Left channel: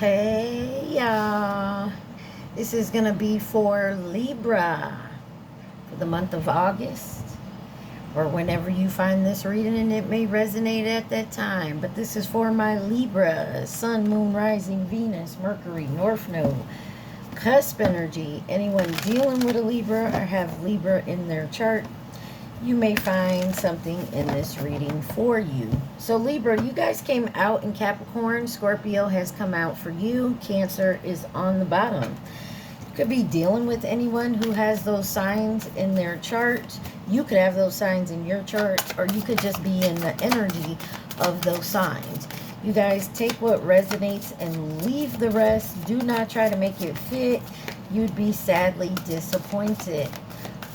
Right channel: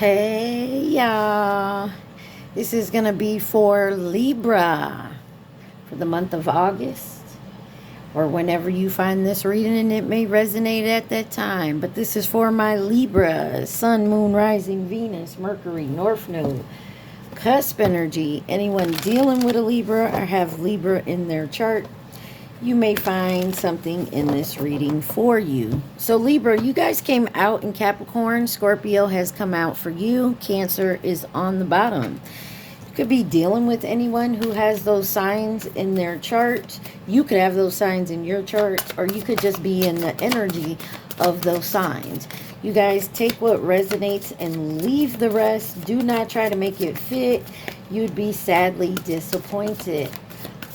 Hey y'all, this is gonna be for Libra for the month of August, or whenever you find this reading, and it may resonate at that time. But this is for my Libra, Sun, Moon, Rising, Venus, Mercury, North Node, cusp energy. Anyone dealing with a Libra or have Libra in their chart, you may find something in this reading for you. So Libra, you guys came out in Capricorn. Scorpio has come out for you. Cancer is on the bottom. You could be dealing with anyone who has those signs in their chart. You could have those signs in your chart, or you could just be in the energy of those signs. You guys take what resonates and leave the rest. Do not try to make it fit. You'd be sadly disappointed.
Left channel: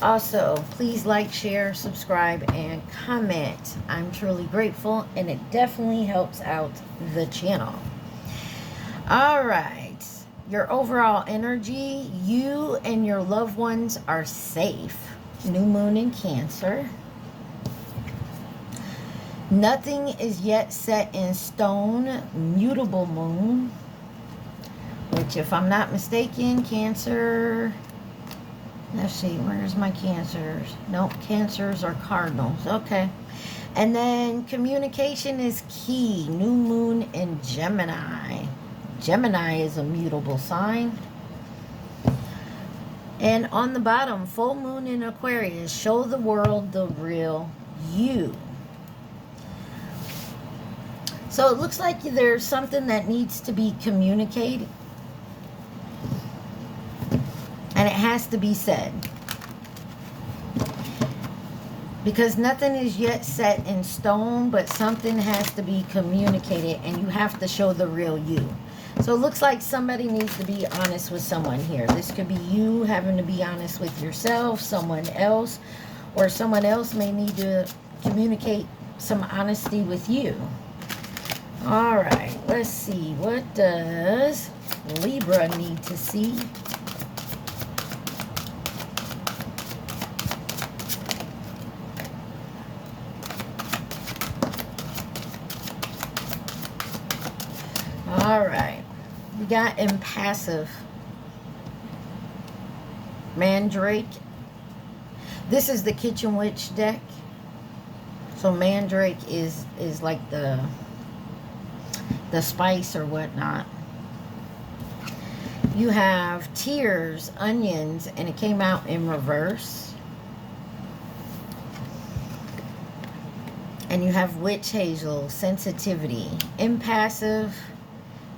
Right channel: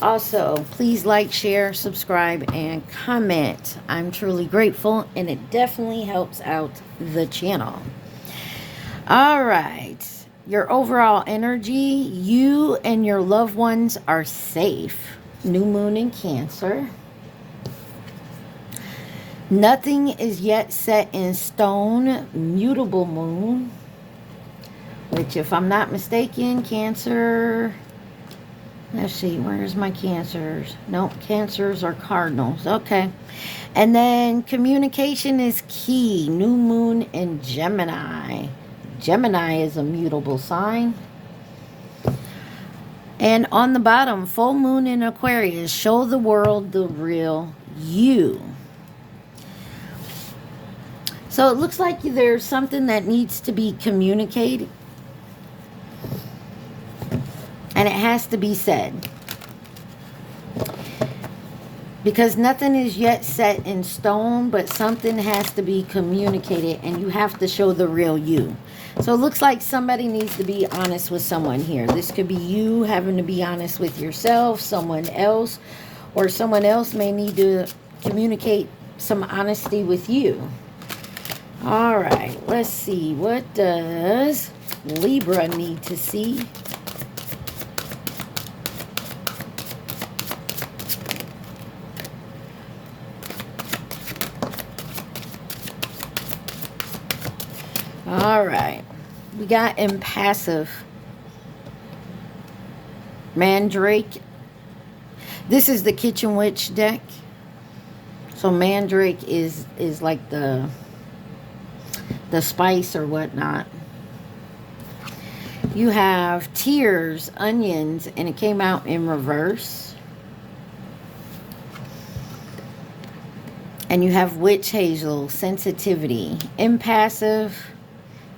Also, please like, share, subscribe, and comment. I'm truly grateful, and it definitely helps out the channel. All right. Your overall energy, you and your loved ones are safe. New moon in Cancer. Nothing is yet set in stone. Mutable moon. Which, if I'm not mistaken, Cancer... Let's see, where's my Cancers? Nope, Cancers are cardinals. Okay. And then communication is key. New moon in Gemini. Gemini is a mutable sign. And on the bottom, full moon in Aquarius. Show the world the real you. So it looks like there's something that needs to be communicated. And it has to be said. Because nothing is yet set in stone, but something has to be communicated, and you have to show the real you. So it looks like somebody needs to be honest with someone here. This could be you having to be honest with yourself, someone else, or someone else may need to communicate some honesty with you. All right, let's see. What does Libra need to see? All right, we got impassive. Mandrake. This is the Kitchen Witch deck. So Mandrake is like the spice or whatnot. You have tears, onions, and it came out in reverse. And you have witch hazel, sensitivity, impassive,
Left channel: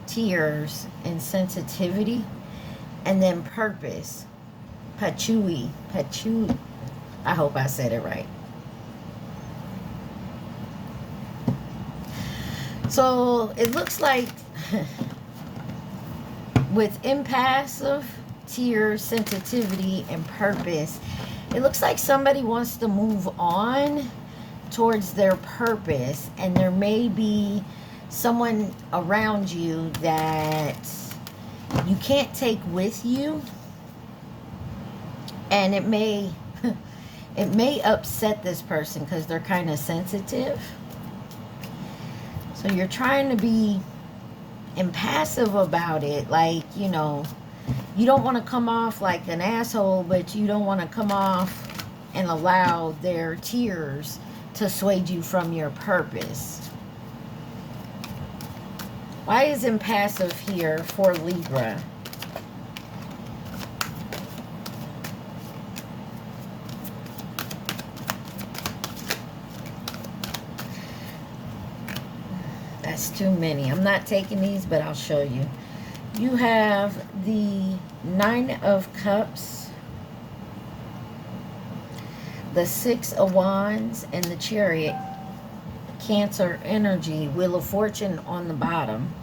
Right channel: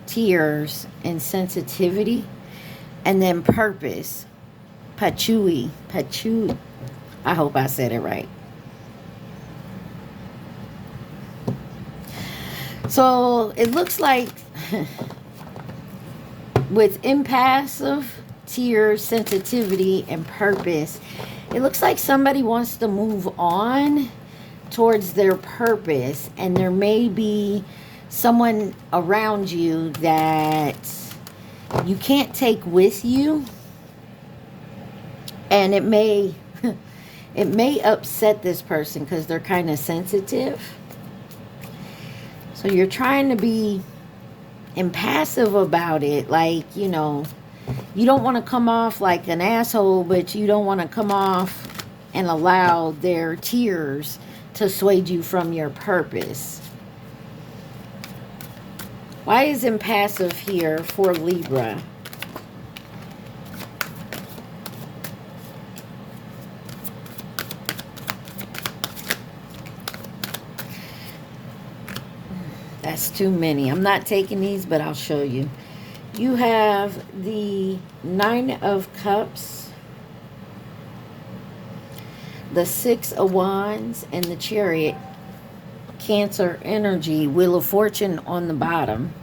tears, and sensitivity. And then purpose, patchouli. I hope I said it right. So it looks like with impassive, tears, sensitivity, and purpose, it looks like somebody wants to move on towards their purpose, and there may be someone around you that you can't take with you, and it may upset this person because they're kind of sensitive. So you're trying to be impassive about it, like, you know, you don't want to come off like an asshole, but you don't want to come off and allow their tears to sway you from your purpose. Why is impassive here for Libra? That's too many. I'm not taking these, but I'll show you. You have the Nine of Cups, the Six of Wands, and the Chariot. Cancer energy, Wheel of Fortune on the bottom.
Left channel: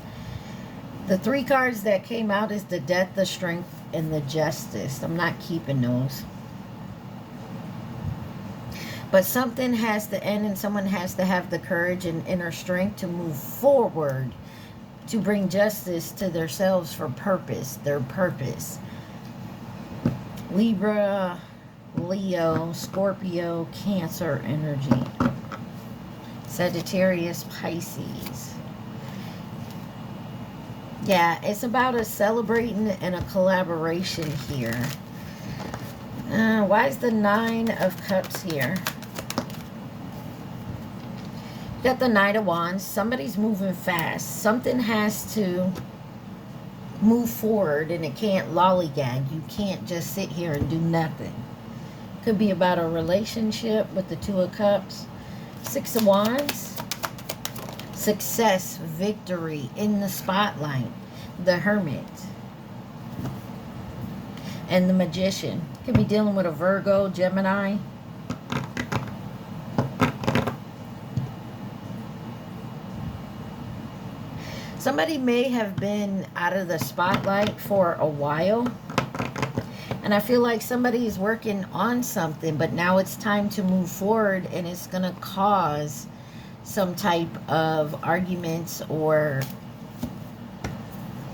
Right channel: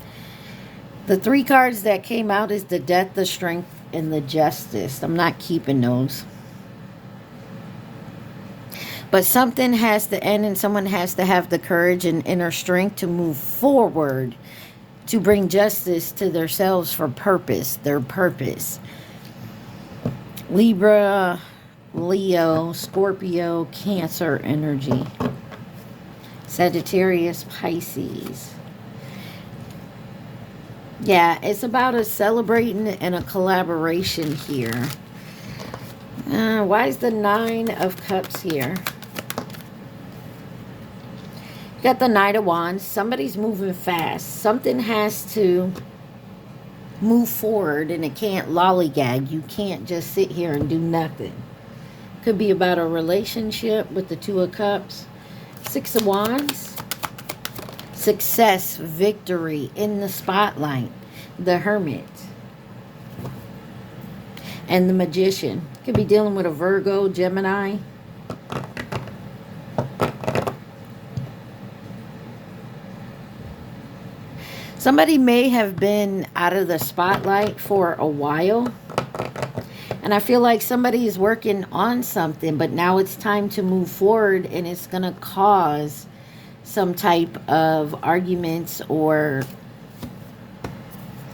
The three cards that came out is the Death, the Strength, and the Justice. I'm not keeping those. But something has to end, and someone has to have the courage and inner strength to move forward, to bring justice to themselves for purpose, their purpose. Libra, Leo, Scorpio, Cancer energy. Sagittarius, Pisces. Yeah, it's about a celebrating and a collaboration here. Why is the Nine of Cups here? You got the Knight of Wands. Somebody's moving fast. Something has to move forward, and it can't lollygag. You can't just sit here and do nothing. Could be about a relationship with the Two of Cups. Six of Wands. Success, victory in the spotlight. The Hermit. And the Magician. Could be dealing with a Virgo, Gemini. Somebody may have been out of the spotlight for a while. And I feel like somebody is working on something, but now it's time to move forward, and it's going to cause some type of arguments, or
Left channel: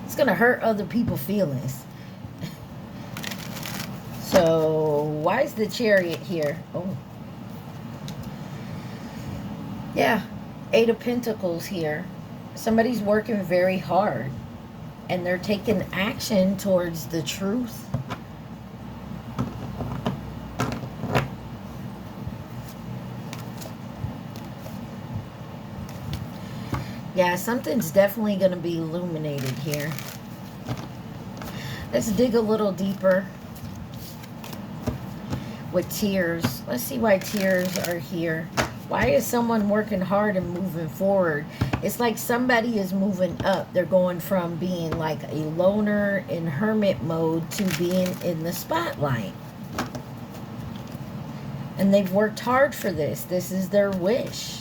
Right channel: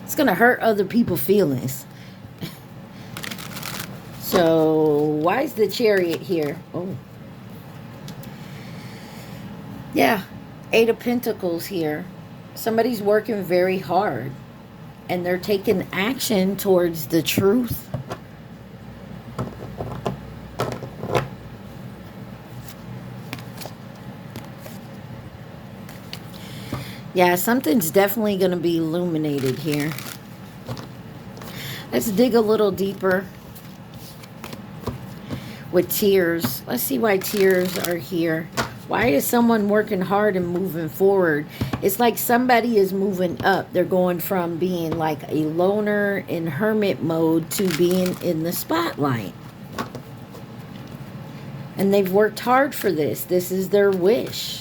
it's going to hurt other people's feelings. So why is the Chariot here? Oh, yeah, Eight of Pentacles here. Somebody's working very hard, and they're taking action towards the truth. Yeah, something's definitely going to be illuminated here. Let's dig a little deeper with tears. Let's see why tears are here. Why is someone working hard and moving forward? It's like somebody is moving up. They're going from being like a loner in hermit mode to being in the spotlight. And they've worked hard for this. This is their wish.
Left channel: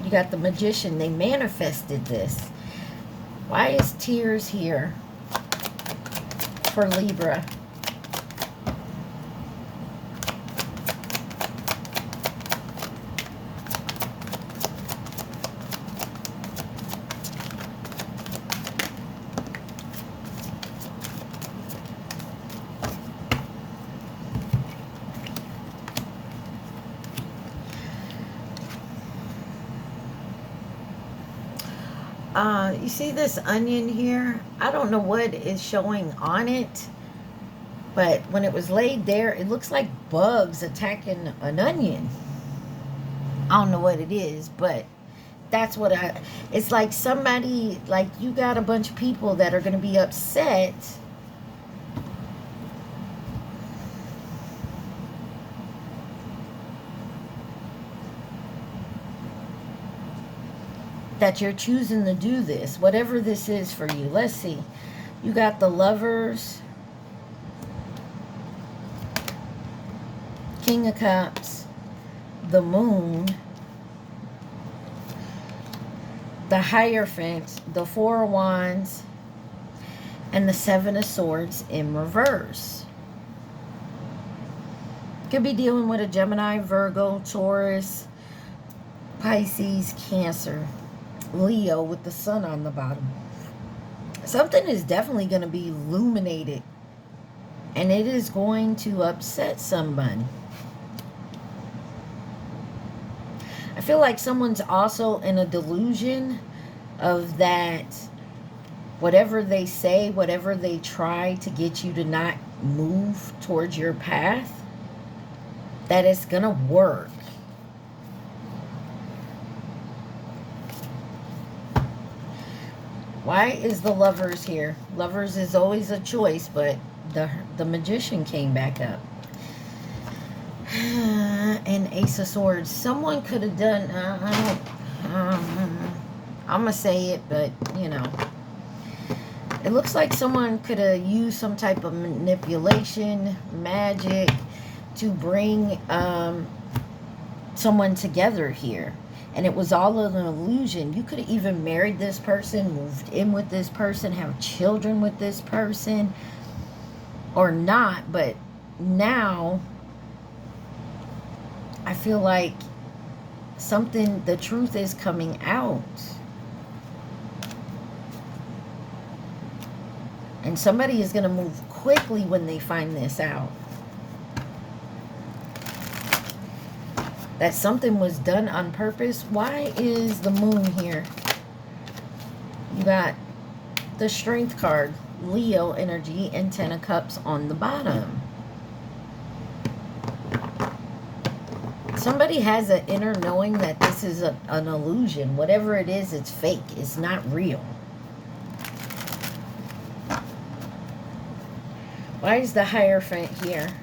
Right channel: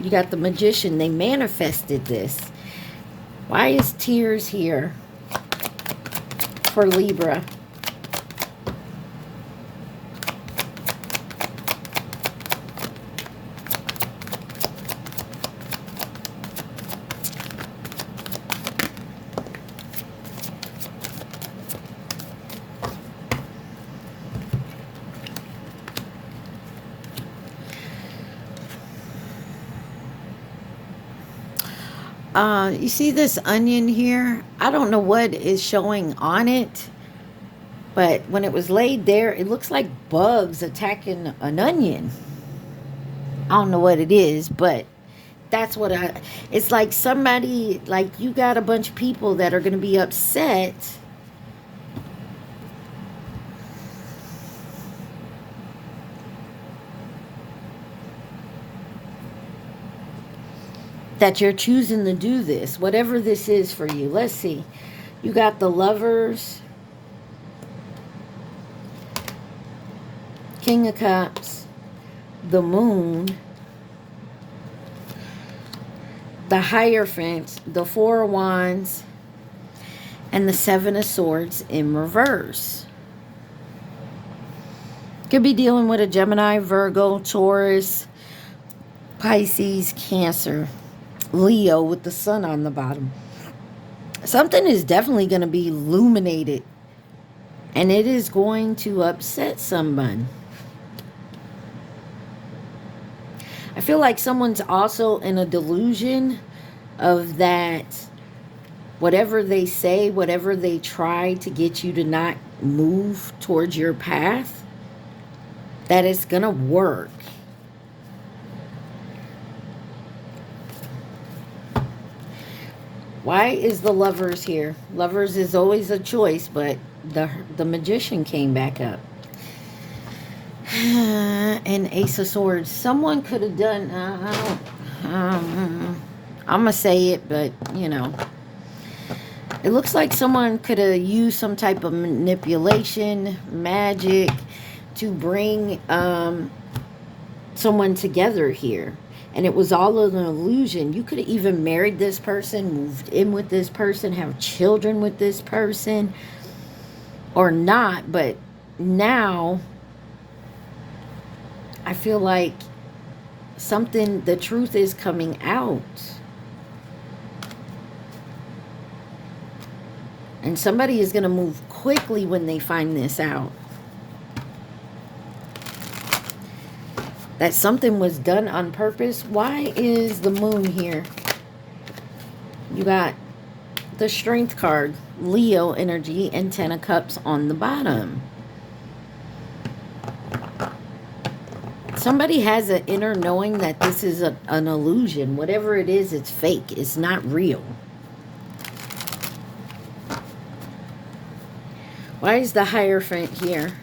You got the Magician. They manifested this. Why is tears here for Libra? You see this onion here? I don't know what is showing on it, but when it was laid there, it looks like bugs attacking an onion. I don't know what it is, but that's what it's like. Somebody, like, you got a bunch of people that are going to be upset that you're choosing to do this, whatever this is for you. Let's see. You got the Lovers, King of Cups, the Moon, the Hierophant, the Four of Wands, and the Seven of Swords in reverse. Could be dealing with a Gemini, Virgo, Taurus, Pisces, Cancer, Leo with the sun on the bottom. Something is definitely going to be illuminated, and it is going to upset someone. I feel like someone's also in a delusion of that whatever they say, whatever they try to get you to not move towards your path, that it's going to work. Why is the Lovers here? Lovers is always a choice, but the Magician came back up. And Ace of Swords. Someone could have done, I'm going to say it, but, you know. It looks like someone could have used some type of manipulation, magic, to bring someone together here. And it was all an illusion. You could have even married this person, moved in with this person, have children with this person, or not. But now, I feel like something, the truth is coming out. And somebody is going to move quickly when they find this out. That something was done on purpose. Why is the Moon here? You got the Strength card, Leo energy, and Ten of Cups on the bottom. Somebody has an inner knowing that this is an illusion. Whatever it is, it's fake. It's not real. Why is the Hierophant here?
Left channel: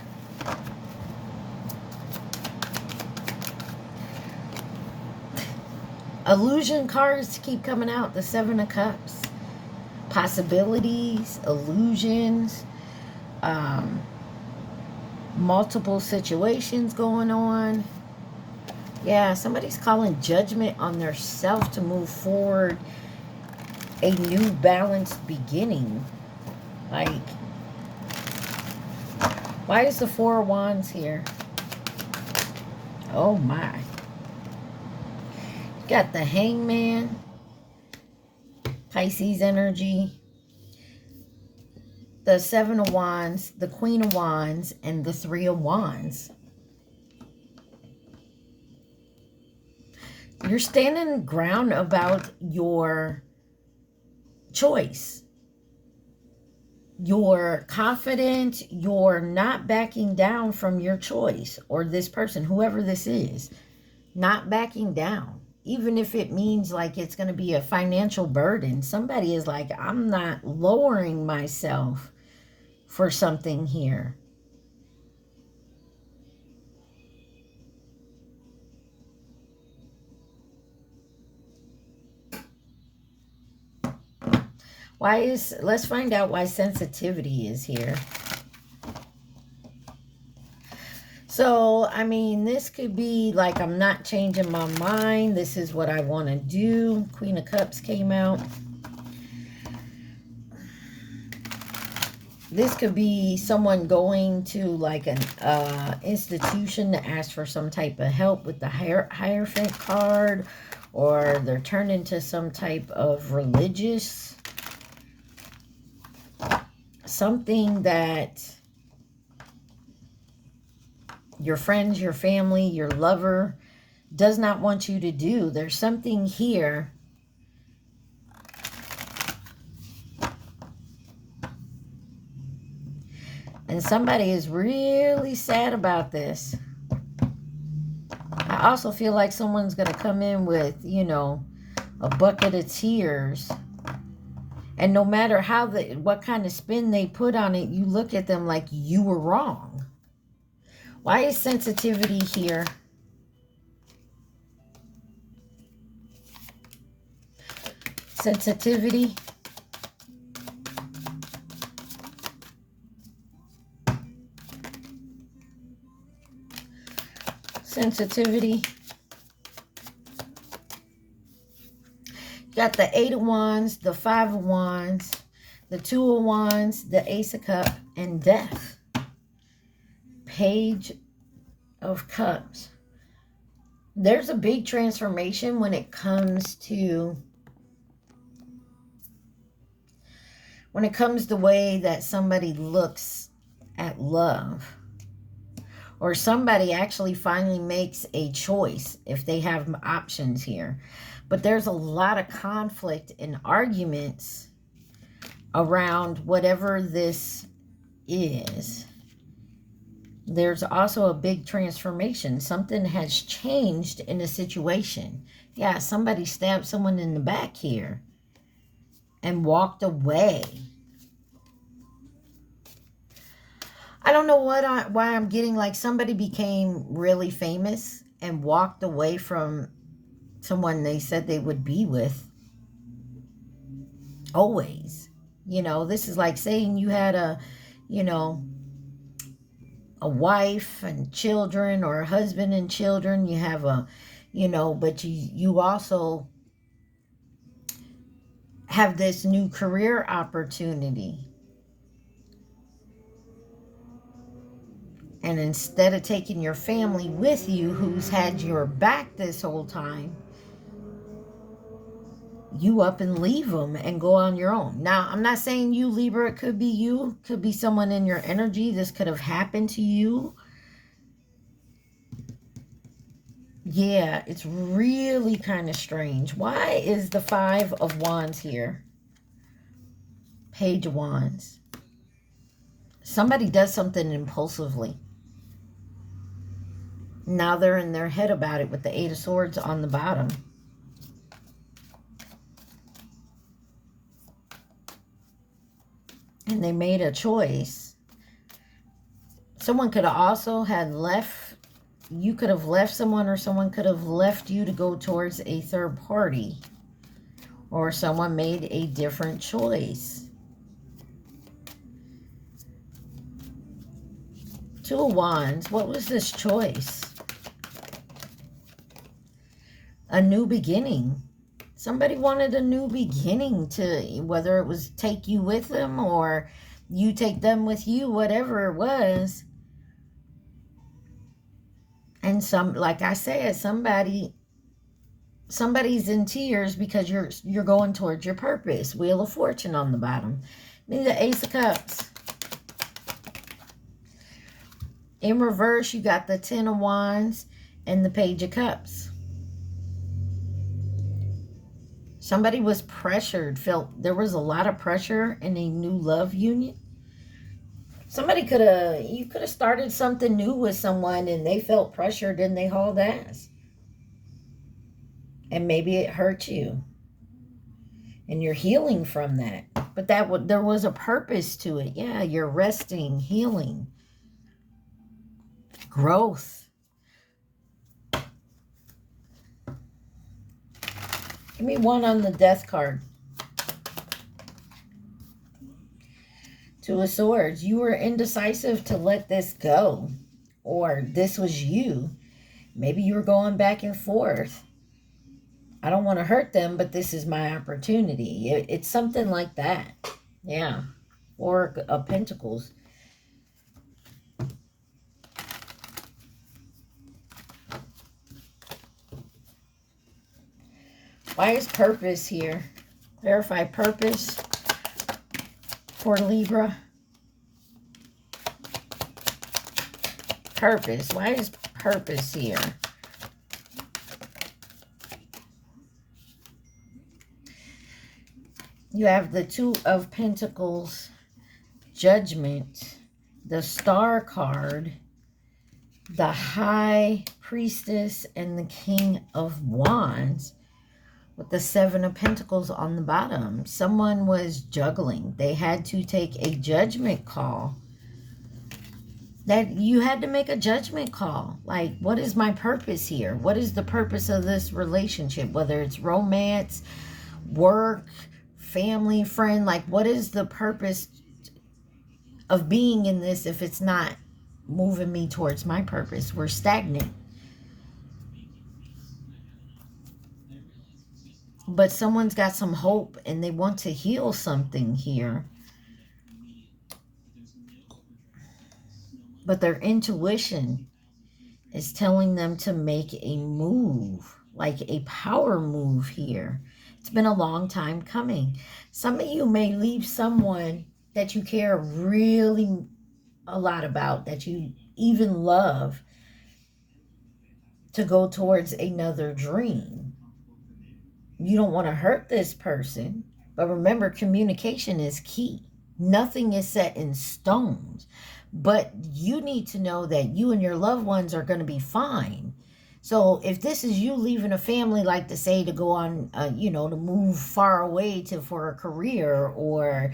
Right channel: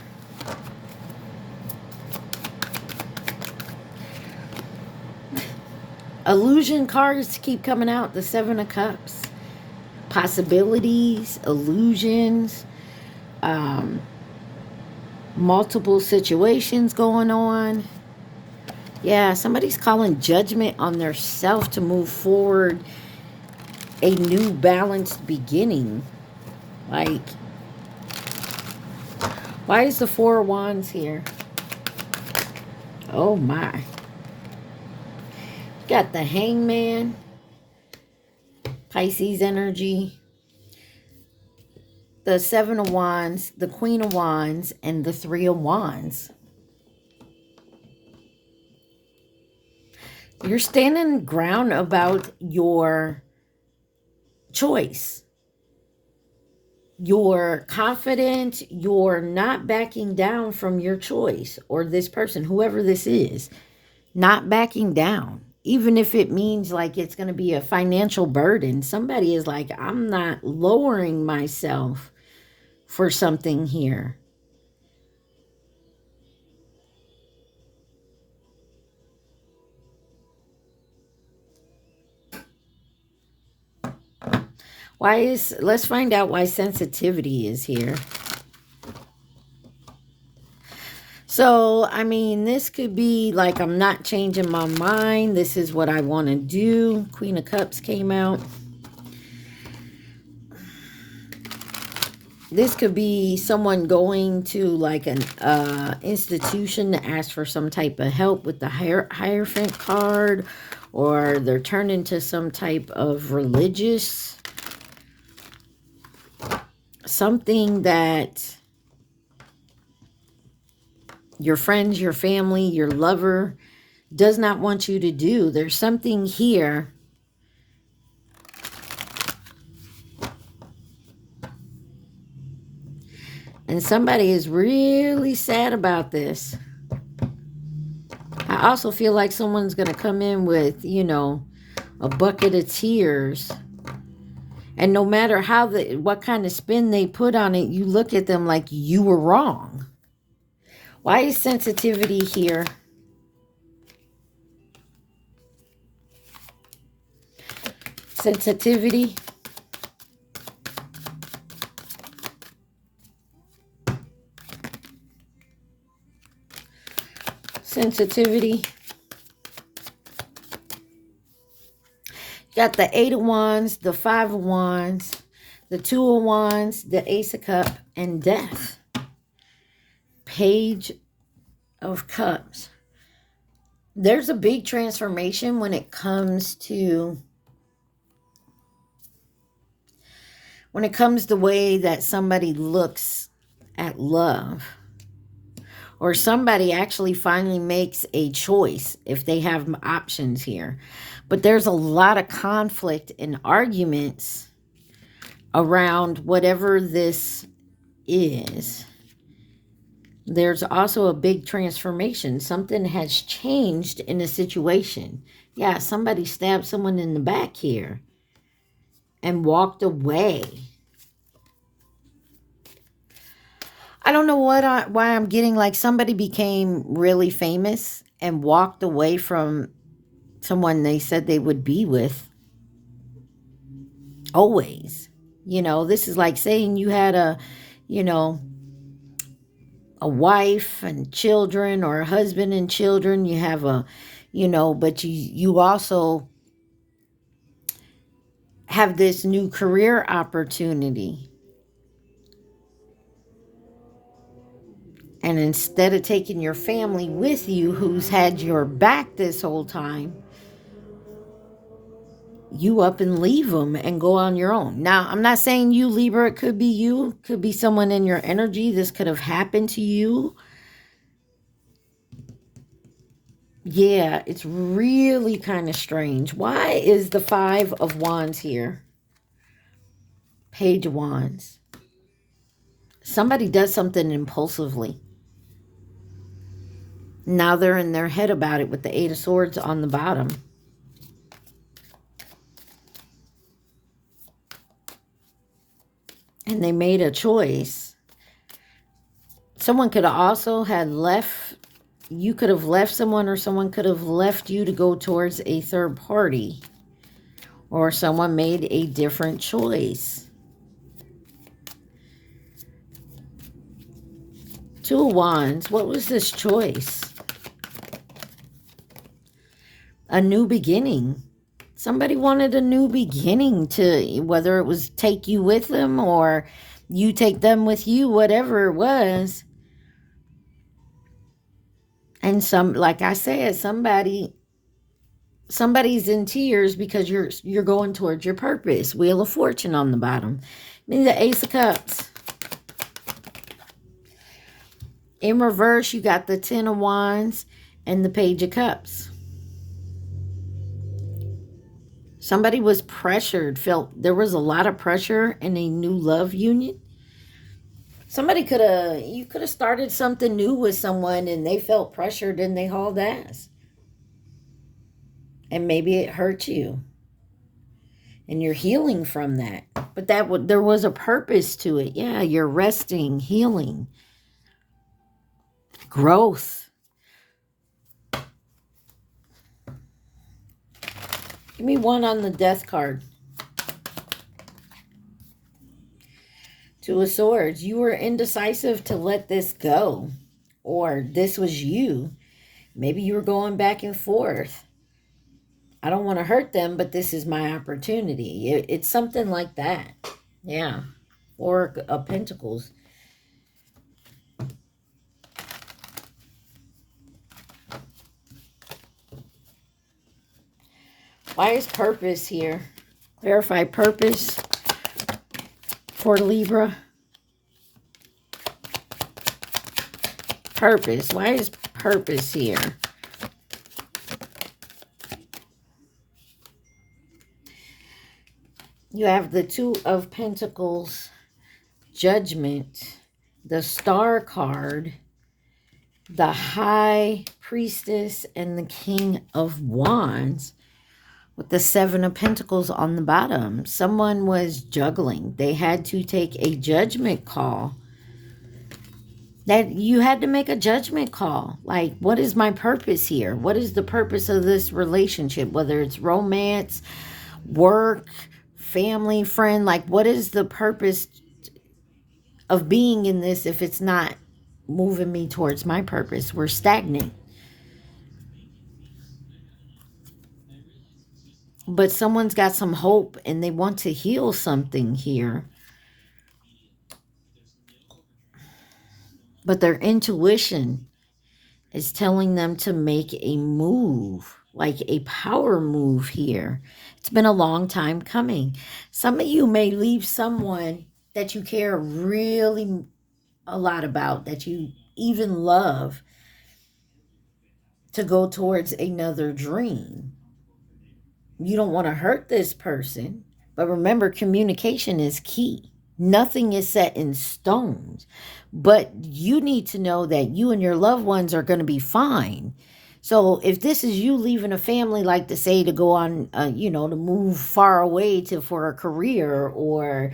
Illusion cards keep coming out. The Seven of Cups. Possibilities, illusions, multiple situations going on. Yeah, somebody's calling judgment on their self to move forward a new balanced beginning. Like, why is the Four of Wands here? Oh my. Got the Hangman, Pisces energy, the Seven of Wands, the Queen of Wands, and the Three of Wands. You're standing ground about your choice. You're confident. You're not backing down from your choice, or this person, whoever this is, not backing down. Even if it means like it's going to be a financial burden. Somebody is like, I'm not lowering myself for something here. Let's find out why sensitivity is here. So, I mean, this could be like, I'm not changing my mind. This is what I want to do. Queen of Cups came out. This could be someone going to like an institution to ask for some type of help with the Hierophant card, or they're turned into some type of religious, something that your friends, your family, your lover does not want you to do. There's something here and somebody is really sad about this. I also feel like someone's going to come in with, you know, a bucket of tears. And no matter how what kind of spin they put on it, you look at them like you were wrong. Why is sensitivity here? Sensitivity. Sensitivity. You got the Eight of Wands, the Five of Wands, the Two of Wands, the Ace of Cups, and Death. Page of Cups. There's a big transformation when it comes to the way that somebody looks at love. Or somebody actually finally makes a choice if they have options here. But there's a lot of conflict and arguments around whatever this is. There's also a big transformation. Something has changed in a situation. Yeah, somebody stabbed someone in the back here and walked away. I don't know why I'm getting like somebody became really famous and walked away from someone they said they would be with. Always. You know, this is like saying you had a wife and children, or a husband and children. You have but you also have this new career opportunity. And instead of taking your family with you, who's had your back this whole time, you up and leave them and go on your own. Now, I'm not saying you, Libra. It could be you. Could be someone in your energy. This could have happened to you. Yeah, it's really kind of strange. Why is the Five of Wands here? Page of Wands. Somebody does something impulsively. Now they're in their head about it with the Eight of Swords on the bottom. And they made a choice. Someone could have also had left, you could have left someone, or someone could have left you to go towards a third party. Or someone made a different choice. Two of Wands. What was this choice? A new beginning. Somebody wanted a new beginning, to whether it was take you with them or you take them with you, whatever it was. And like I said, somebody's in tears because you're going towards your purpose. Wheel of Fortune on the bottom. Then the Ace of Cups. In reverse, you got the Ten of Wands and the Page of Cups. Somebody was pressured, felt there was a lot of pressure in a new love union. You could have started something new with someone and they felt pressured and they hauled ass. And maybe it hurt you. And you're healing from that. But there was a purpose to it. Yeah, you're resting, healing, growth. Give me one on the Death card. Two of Swords. You were indecisive to let this go. Or this was you. Maybe you were going back and forth. I don't want to hurt them, but this is my opportunity. It's something like that. Yeah. Four of Pentacles. Why is purpose here? Clarify purpose for Libra. Purpose. Why is purpose here? You have the Two of Pentacles, Judgment, the Star card, the High Priestess, and the King of Wands. With the Seven of Pentacles on the bottom. Someone was juggling. They had to take a judgment call. That you had to make a judgment call. Like, what is my purpose here? What is the purpose of this relationship? Whether it's romance, work, family, friend. Like, what is the purpose of being in this if it's not moving me towards my purpose? We're stagnant. But someone's got some hope and they want to heal something here. But their intuition is telling them to make a move, like a power move here. It's been a long time coming. Some of you may leave someone that you care really a lot about, that you even love, to go towards another dream. You don't want to hurt this person. But remember, communication is key. Nothing is set in stone. But you need to know that you and your loved ones are going to be fine. So if this is you leaving a family, like to say, to go on, to move far away for a career or,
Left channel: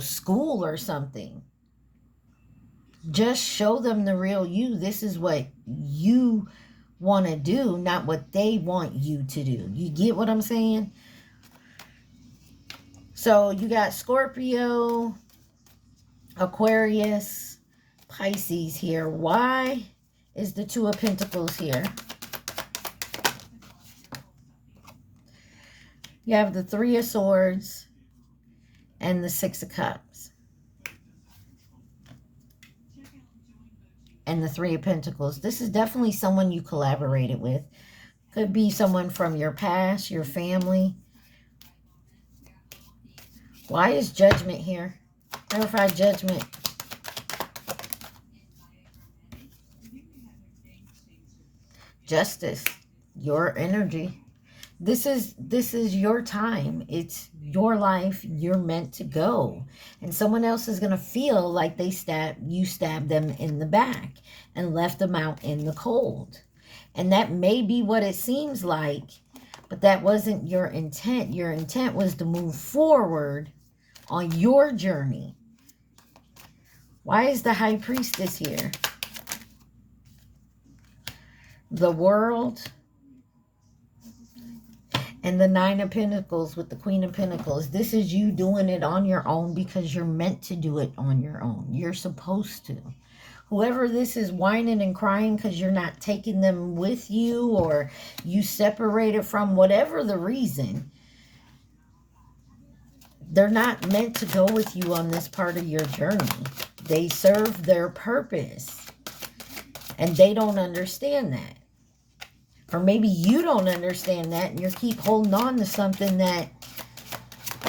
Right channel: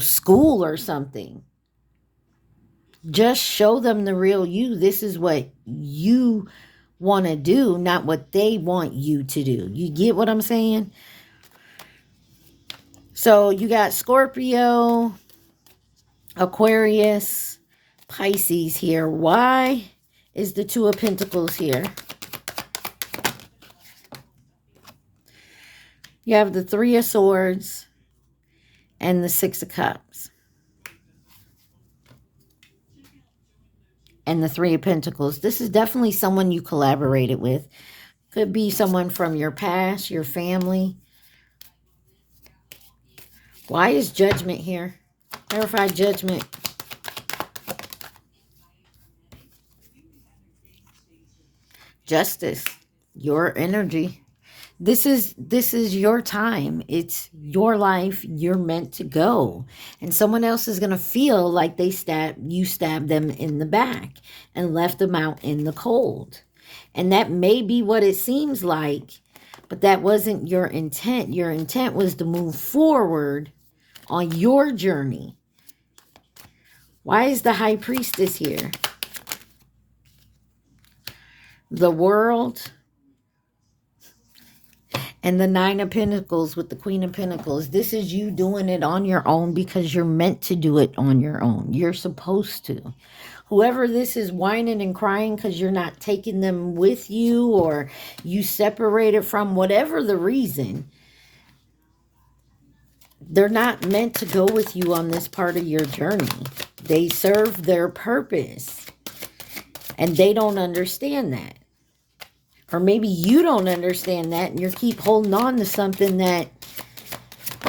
school or something. Just show them the real you. This is what you want to do, not what they want you to do. You get what I'm saying? So you got Scorpio, Aquarius, Pisces here. Why is the Two of Pentacles here? You have the Three of Swords and the Six of Cups. And the Three of Pentacles. This is definitely someone you collaborated with. Could be someone from your past, your family. Why is Judgment here? Clarify Judgment. Justice. Your energy. This is your time. It's your life. You're meant to go. And someone else is going to feel like you stabbed them in the back and left them out in the cold. And that may be what it seems like, but that wasn't your intent. Your intent was to move forward on your journey. Why is the High Priestess here? The World and the Nine of Pentacles with the Queen of Pentacles. This is you doing it on your own because you're meant to do it on your own. You're supposed to. Whoever this is whining and crying because you're not taking them with you, or you separated from, whatever the reason, they're not meant to go with you on this part of your journey. They serve their purpose and they don't understand that. Or maybe you don't understand that and you keep holding on to something that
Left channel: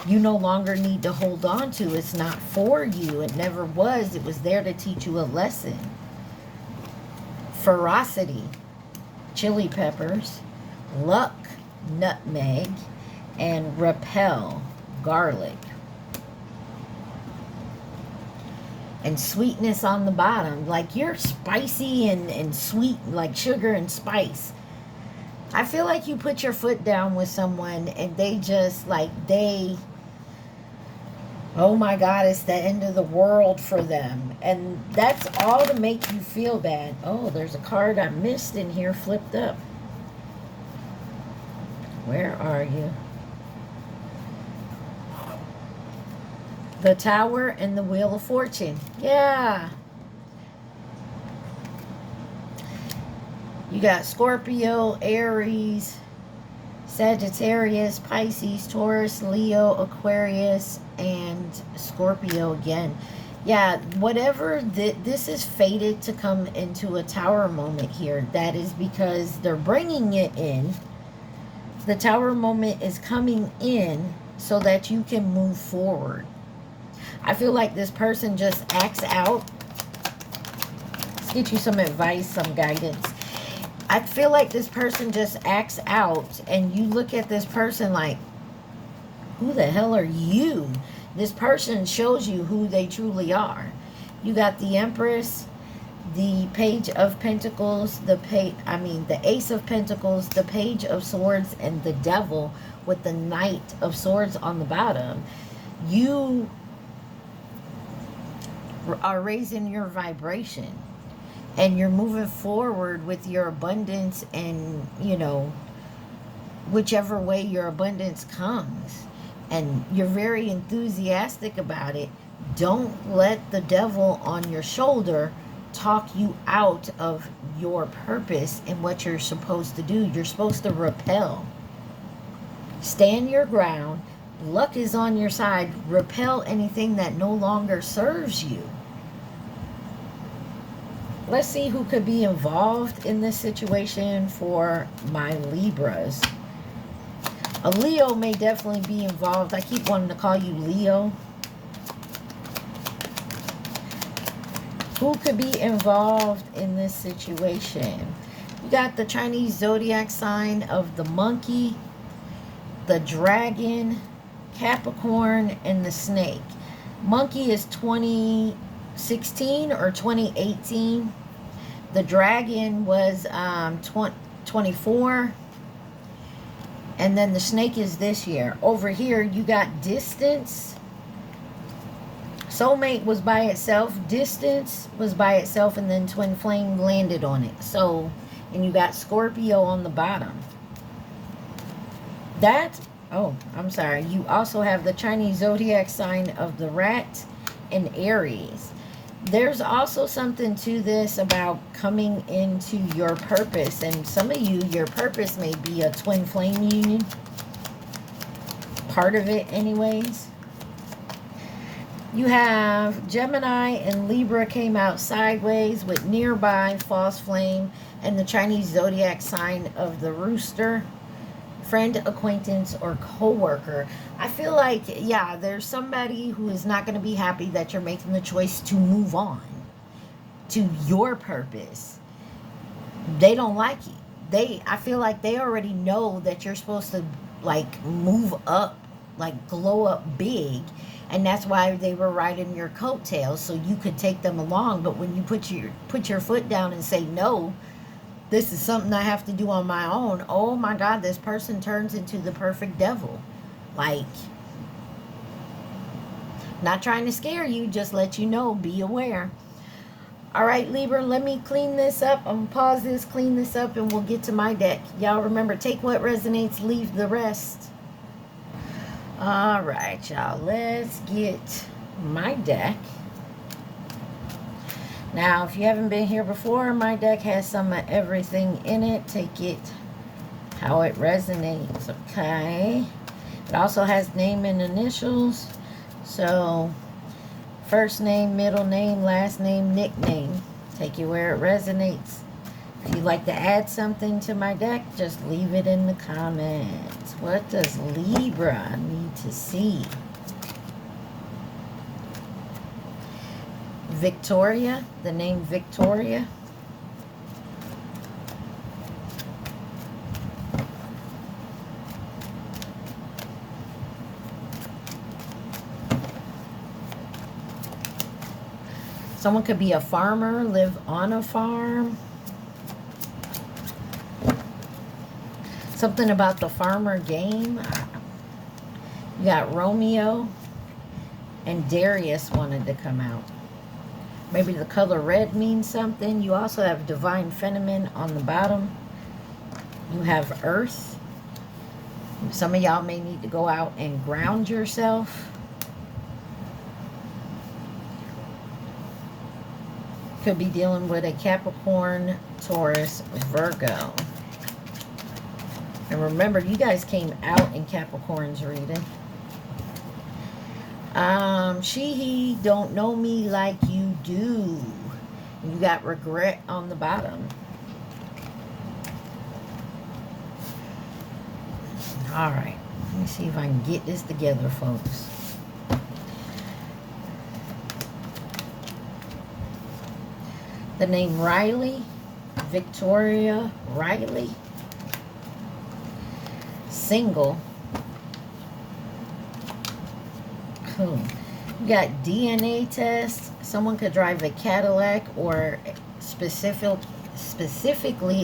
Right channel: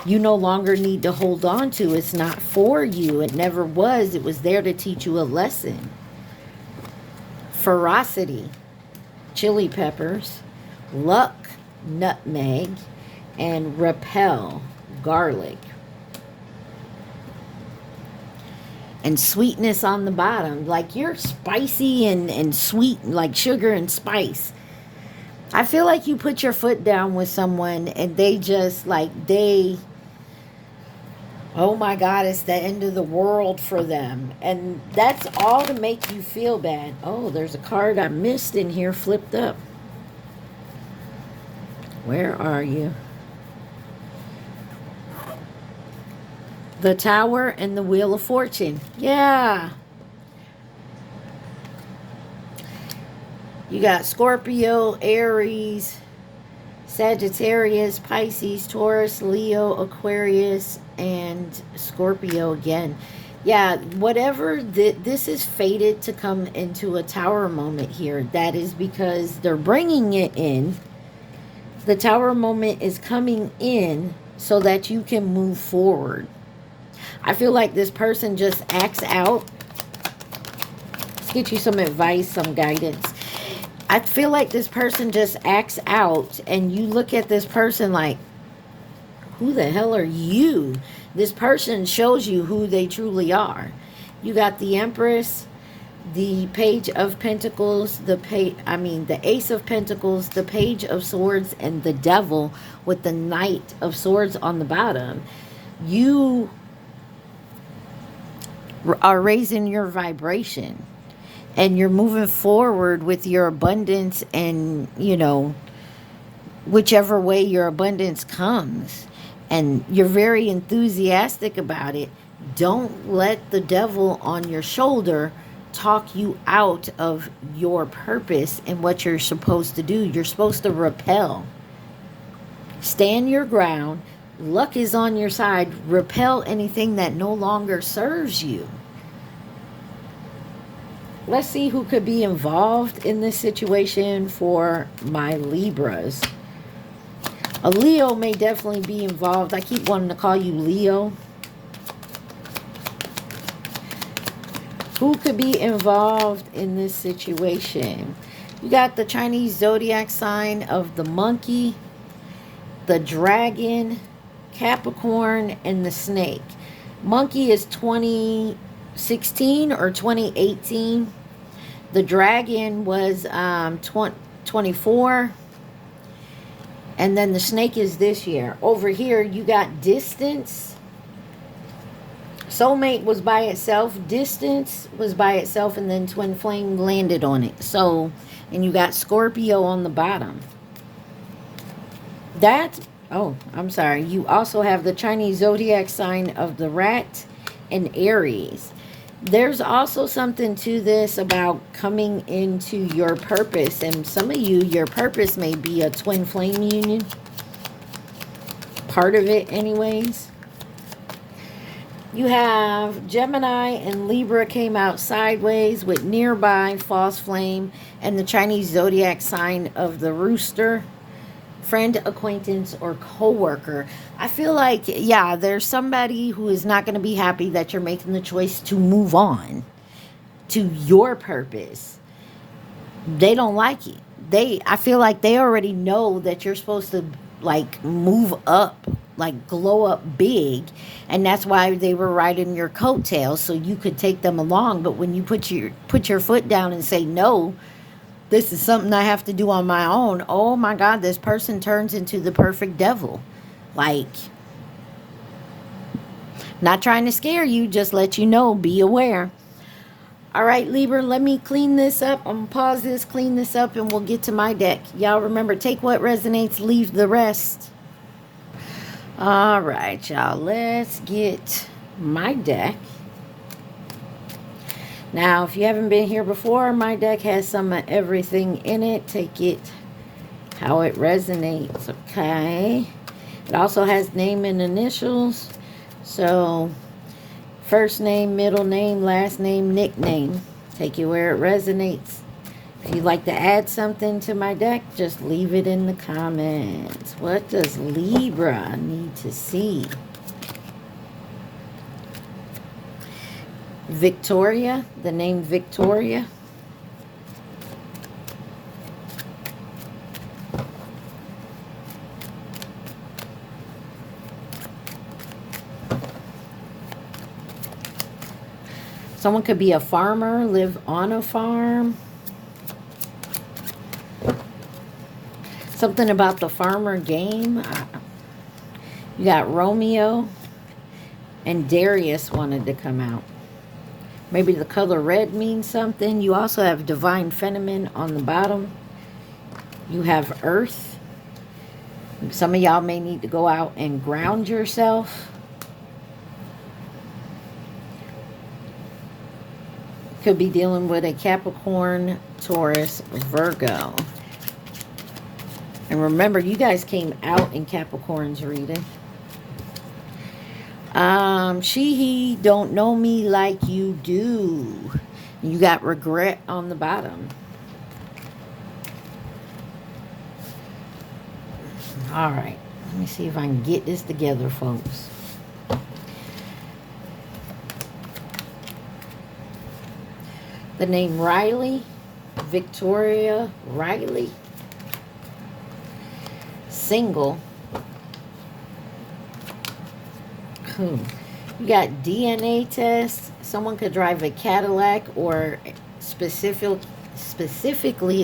you no longer need to hold on to. It's not for you. It never was. It was there to teach you a lesson. Ferocity, chili peppers, luck, nutmeg, and repel, garlic. And sweetness on the bottom. Like you're spicy and sweet, like sugar and spice. I feel like you put your foot down with someone and they just oh my God, it's the end of the world for them. And that's all to make you feel bad. Oh, there's a card I missed in here, flipped up. Where are you? The Tower and the Wheel of Fortune. Yeah. You got Scorpio, Aries, Sagittarius, Pisces, Taurus, Leo, Aquarius, and Scorpio again. Yeah, whatever, this is fated to come into a Tower moment here. That is because they're bringing it in. The Tower moment is coming in so that you can move forward. I feel like this person just acts out. Let's get you some advice, some guidance. I feel like this person just acts out and you look at this person like, who the hell are you? This person shows you who they truly are. You got the Empress, the Page of Pentacles, the Ace of Pentacles, the Page of Swords, and the Devil with the Knight of Swords on the bottom. You are raising your vibration. And you're moving forward with your abundance and, whichever way your abundance comes. And you're very enthusiastic about it. Don't let the devil on your shoulder talk you out of your purpose and what you're supposed to do. You're supposed to repel. Stand your ground. Luck is on your side. Repel anything that no longer serves you. Let's see who could be involved in this situation for my Libras. A Leo may definitely be involved. I keep wanting to call you Leo. Who could be involved in this situation? You got the Chinese zodiac sign of the monkey, the dragon, Capricorn, and the snake. Monkey is 2016 or 2018. The dragon was 24. And then the snake is this year. Over here, you got distance. Soulmate was by itself. Distance was by itself. And then twin flame landed on it. So, and you got Scorpio on the bottom. I'm sorry. You also have the Chinese zodiac sign of the rat and Aries. There's also something to this about coming into your purpose. And some of you, your purpose may be a twin flame union. Part of it anyways. You have Gemini and Libra came out sideways with nearby, false flame, and the Chinese zodiac sign of the rooster. Friend, acquaintance, or co-worker. I feel like, yeah, there's somebody who is not going to be happy that you're making the choice to move on to your purpose. They don't like it. I feel like they already know that you're supposed to like move up, like glow up big, and that's why they were riding your coattails so you could take them along. But when you put your foot down and say no, this is something I have to do on my own, oh my God, this person turns into the perfect devil. Like, not trying to scare you, just let you know, be aware. All right, Libra, let me clean this up. I'm going to pause this, clean this up, and we'll get to my deck. Y'all remember, take what resonates, leave the rest. All right, y'all, let's get my deck. Now, if you haven't been here before, my deck has some of everything in it. Take it how it resonates, okay? It also has name and initials. So, first name, middle name, last name, nickname. Take it where it resonates. If you'd like to add something to my deck, just leave it in the comments. What does Libra need to see? Victoria, the name Victoria. Someone could be a farmer, live on a farm. Something about the farmer game. You got Romeo and Darius wanted to come out. Maybe the color red means something. You also have Divine Feminine on the bottom. You have Earth. Some of y'all may need to go out and ground yourself. Could be dealing with a Capricorn, Taurus, Virgo. And remember, you guys came out in Capricorn's reading. He don't know me like you do. You got regret on the bottom. All right. Let me see if I can get this together, folks. The name Riley, Victoria Riley. Single. You got DNA test. Someone could drive a Cadillac or specifically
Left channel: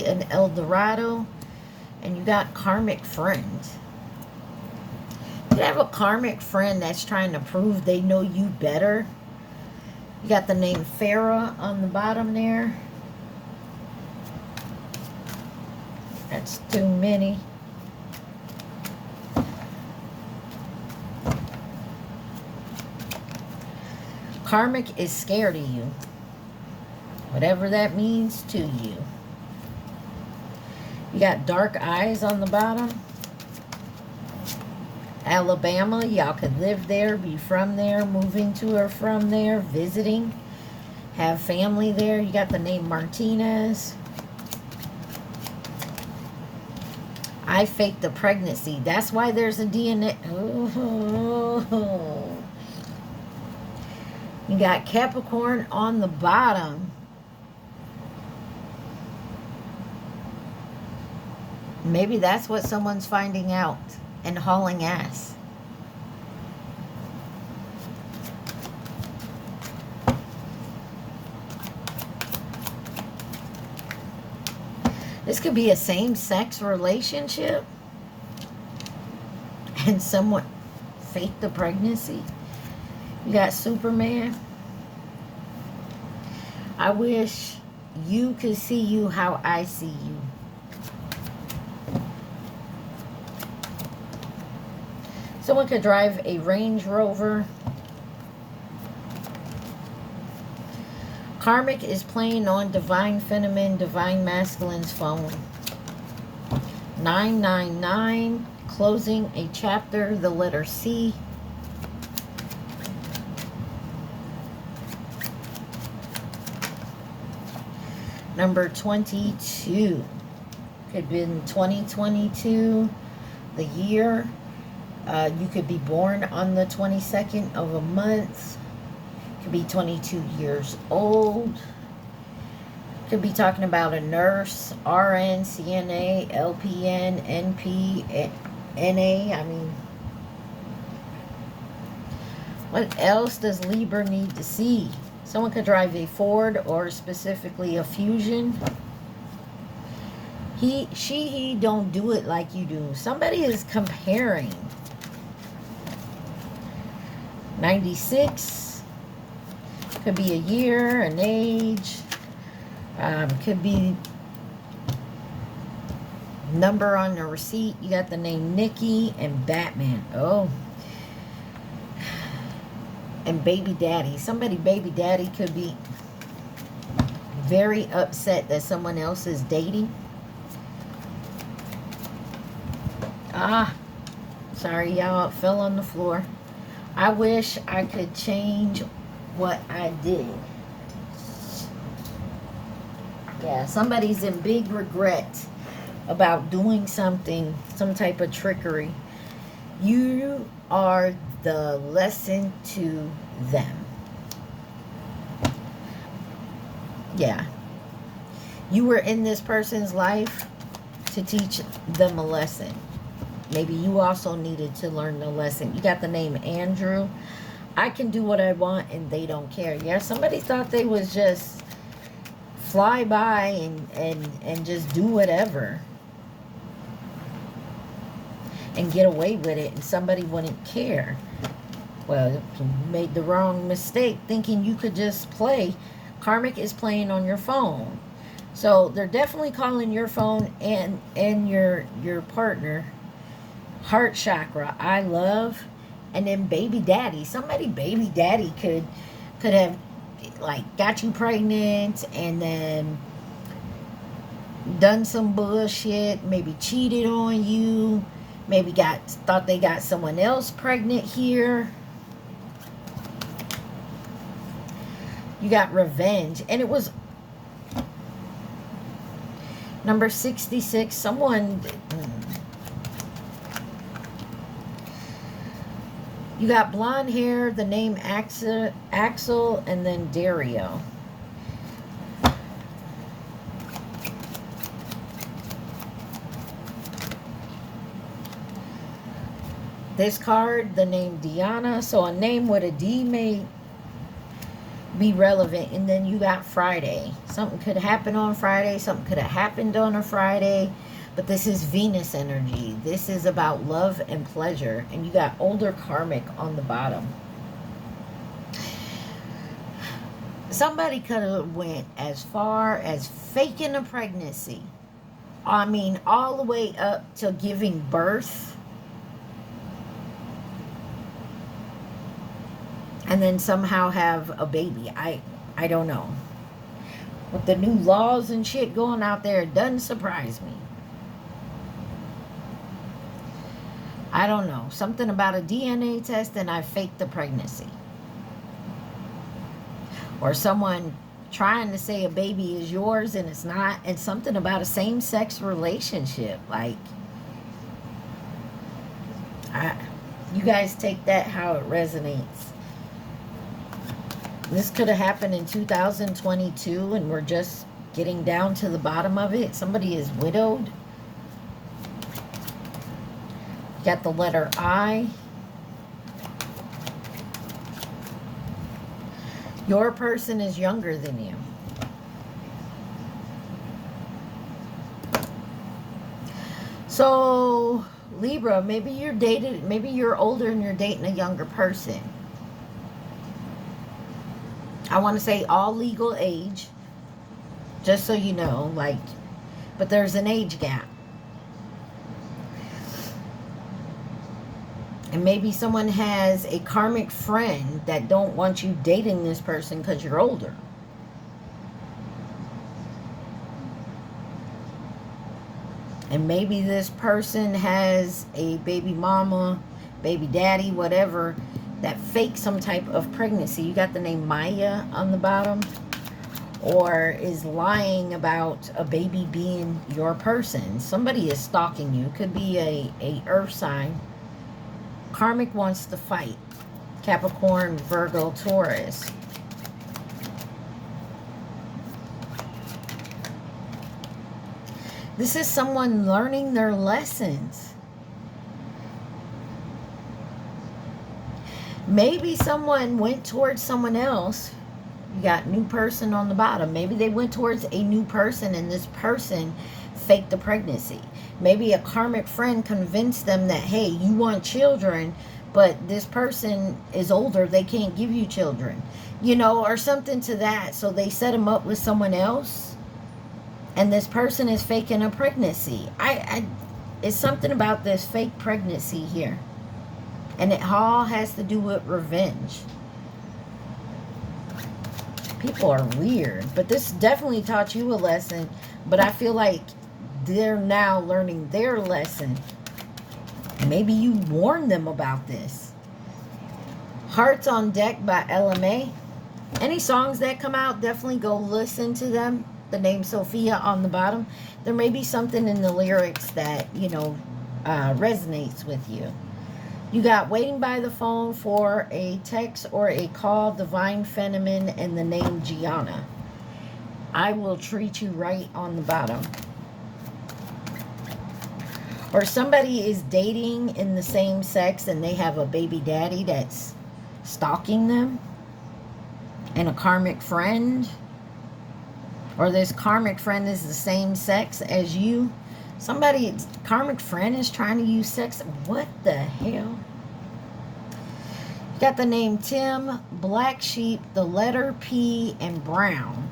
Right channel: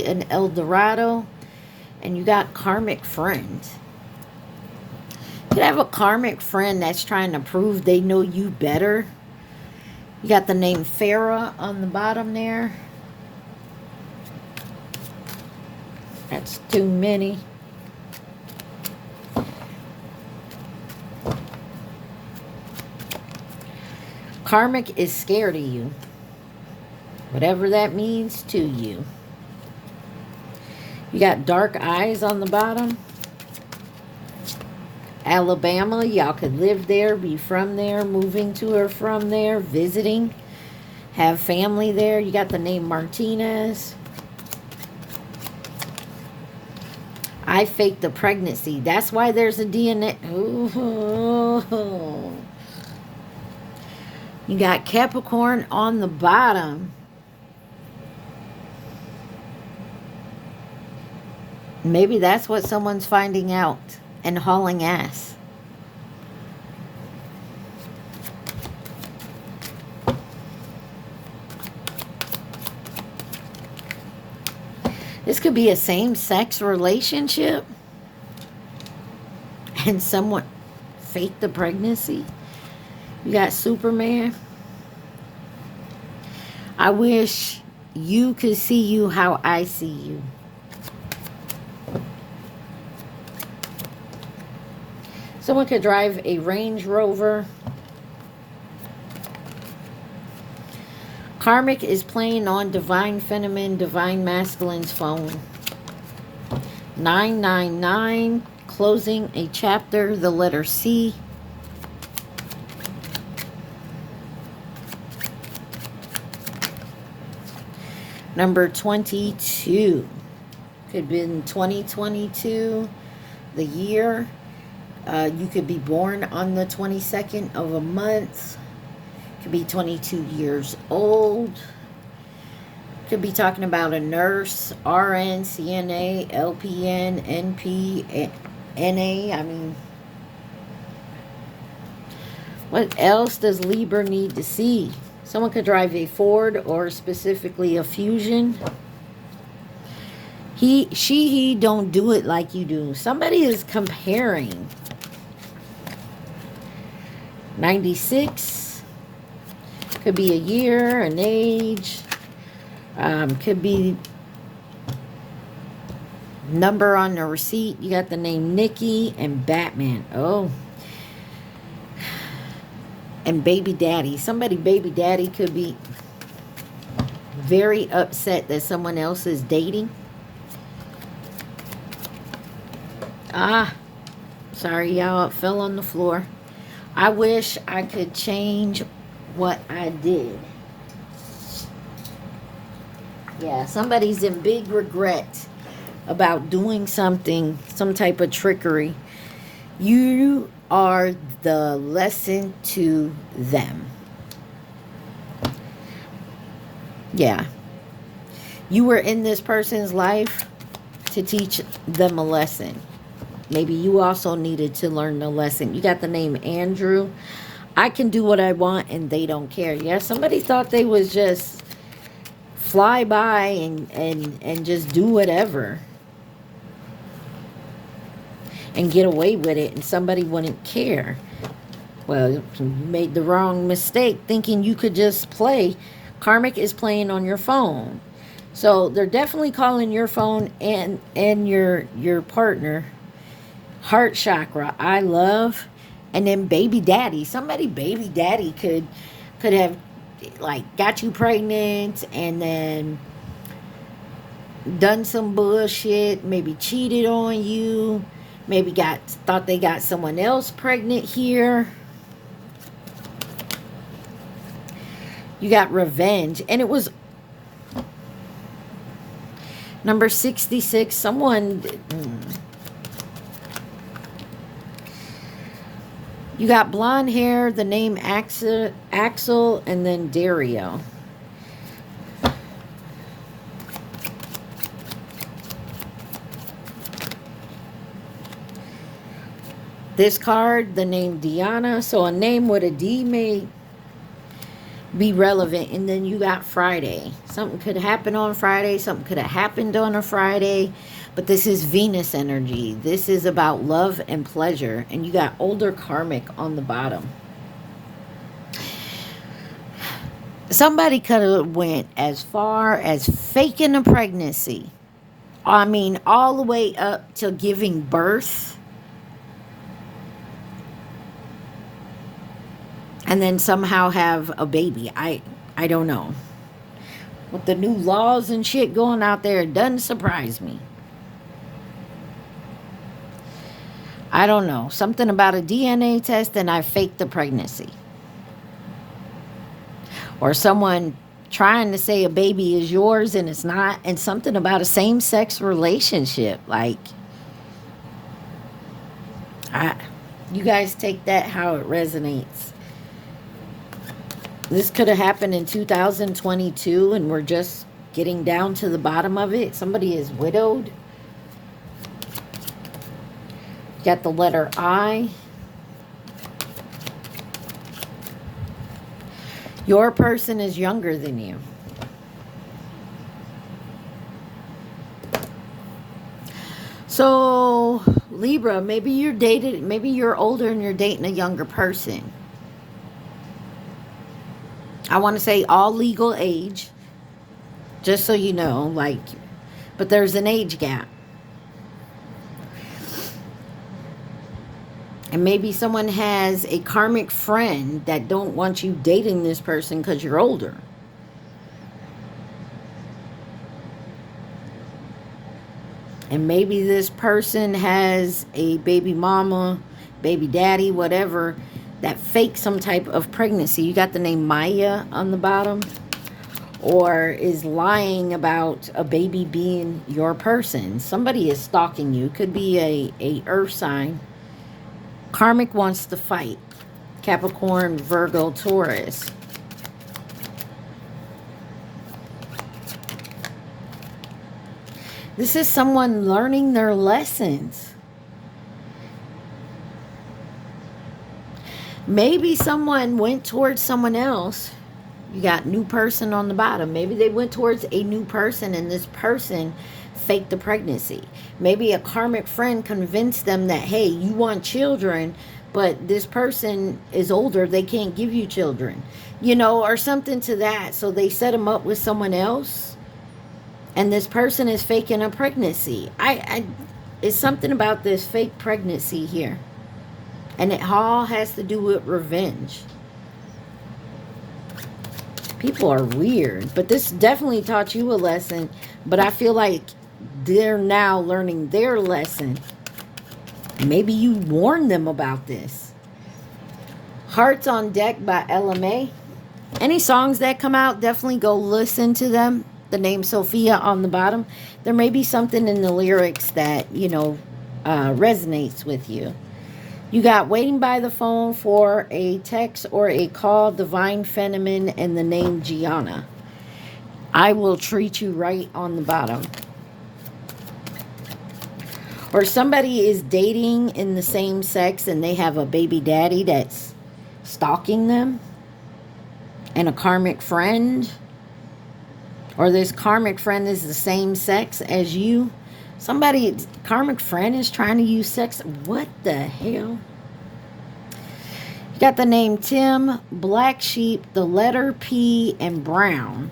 an Eldorado. And you got karmic friend. You have a karmic friend that's trying to prove they know you better. You got the name Farah on the bottom there. That's too many. Karmic is scared of you. Whatever that means to you. You got dark eyes on the bottom. Alabama, y'all could live there, be from there, moving to or from there, visiting, have family there. You got the name Martinez. I faked the pregnancy. That's why there's a DNA. Ooh. You got Capricorn on the bottom. Maybe that's what someone's finding out and hauling ass. This could be a same-sex relationship and someone faked the pregnancy. You got Superman. I wish you could see you how I see you. Someone could drive a Range Rover. Karmic is playing on Divine Feminine, Divine Masculine's phone. 999, closing a chapter, the letter C. Number 22. Could be in 2022, the year. You could be born on the 22nd of a month. Could be 22 years old. Could be talking about a nurse, RN, CNA, LPN, NP, NA. I mean, what else does Libra need to see? Someone could drive a Ford or specifically a Fusion. He don't do it like you do. Somebody is comparing. 96. Could be a year, an age. Could be number on the receipt. You got the name Nikki and Batman. Oh. And baby daddy. Somebody baby daddy could be very upset that someone else is dating. Sorry y'all, it fell on the floor. I wish I could change what I did. Yeah, somebody's in big regret about doing something, some type of trickery. You are the lesson to them. Yeah. You were in this person's life to teach them a lesson. Maybe you also needed to learn the lesson. You got the name Andrew. I can do what I want and they don't care. Yeah, somebody thought they was just fly by and just do whatever and get away with it, and somebody wouldn't care. Well, you made the wrong mistake thinking you could just play. Karmic is playing on your phone. So they're definitely calling your phone and your partner. Heart chakra, I love. And then baby daddy. Somebody baby daddy could have like got you pregnant and then done some bullshit, maybe cheated on you, maybe thought they got someone else pregnant here. You got revenge, and it was number 66. Someone, you got blonde hair, the name Axel, and then Dario. This card, the name Diana. So a name with a D may be relevant. And then you got Friday. Something could happen on Friday. Something could have happened on a Friday. But this is Venus energy. This is about love and pleasure. And you got older karmic on the bottom. Somebody could have went as far as faking a pregnancy. I mean, all the way up to giving birth. And then somehow have a baby. I don't know. With the new laws and shit going out there, it doesn't surprise me. I don't know. Something about a DNA test and I faked the pregnancy. Or someone trying to say a baby is yours and it's not. And something about a same-sex relationship. Like, you guys take that how it resonates. This could have happened in 2022 and we're just getting down to the bottom of it. Somebody is widowed. Got the letter I. Your person is younger than you. So, Libra, maybe you're older and you're dating a younger person. I want to say all legal age, just so you know, like, but there's an age gap. And maybe someone has a karmic friend that don't want you dating this person because you're older. And maybe this person has a baby mama, baby daddy, whatever, that fakes some type of pregnancy. You got the name Maya on the bottom. Or is lying about a baby being your person. Somebody is stalking you. Could be a earth sign. Karmic wants to fight. Capricorn, Virgo, Taurus. This is someone learning their lessons. Maybe someone went towards someone else. You got new person on the bottom. Maybe they went towards a new person and this person faked the pregnancy. Maybe a karmic friend convinced them that, hey, you want children, but this person is older. They can't give you children, you know, or something to that. So they set them up with someone else. And this person is faking a pregnancy. It's something about this fake pregnancy here. And it all has to do with revenge. People are weird. But this definitely taught you a lesson. But I feel like they're now learning their lesson. Maybe you warned them about this. Hearts on Deck by LMA. Any songs that come out, definitely go listen to them. The name Sophia on the bottom. There may be something in the lyrics that, you know, resonates with you. You got Waiting by the Phone for a Text or a Call, Divine Feminine, and the name Gianna. I Will Treat You Right on the bottom. Or somebody is dating in the same sex and they have a baby daddy that's stalking them. And a karmic friend. Or this karmic friend is the same sex as you. Somebody's karmic friend is trying to use sex. What the hell? You got the name Tim, Black Sheep, the letter P, and Brown.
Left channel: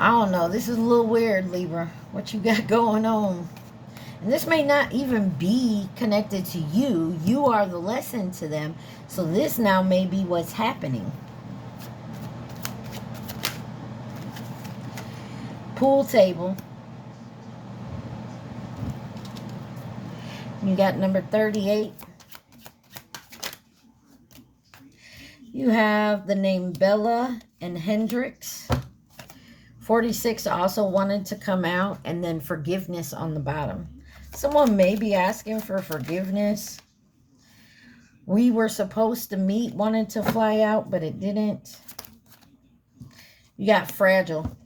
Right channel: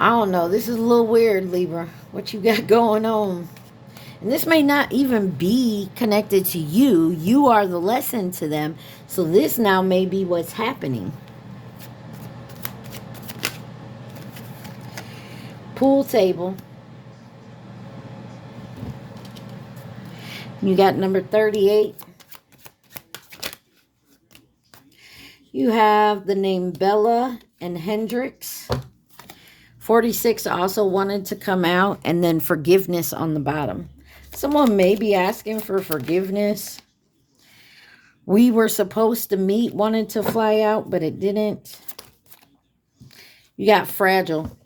I don't know. This is a little weird, Libra. What you got going on? And this may not even be connected to you. You are the lesson to them. So this now may be what's happening. Pool table. You got number 38. You have the name Bella and Hendrix. 46 also wanted to come out. And then forgiveness on the bottom. Someone may be asking for forgiveness. We were supposed to meet, wanted to fly out, but it didn't. You got fragile.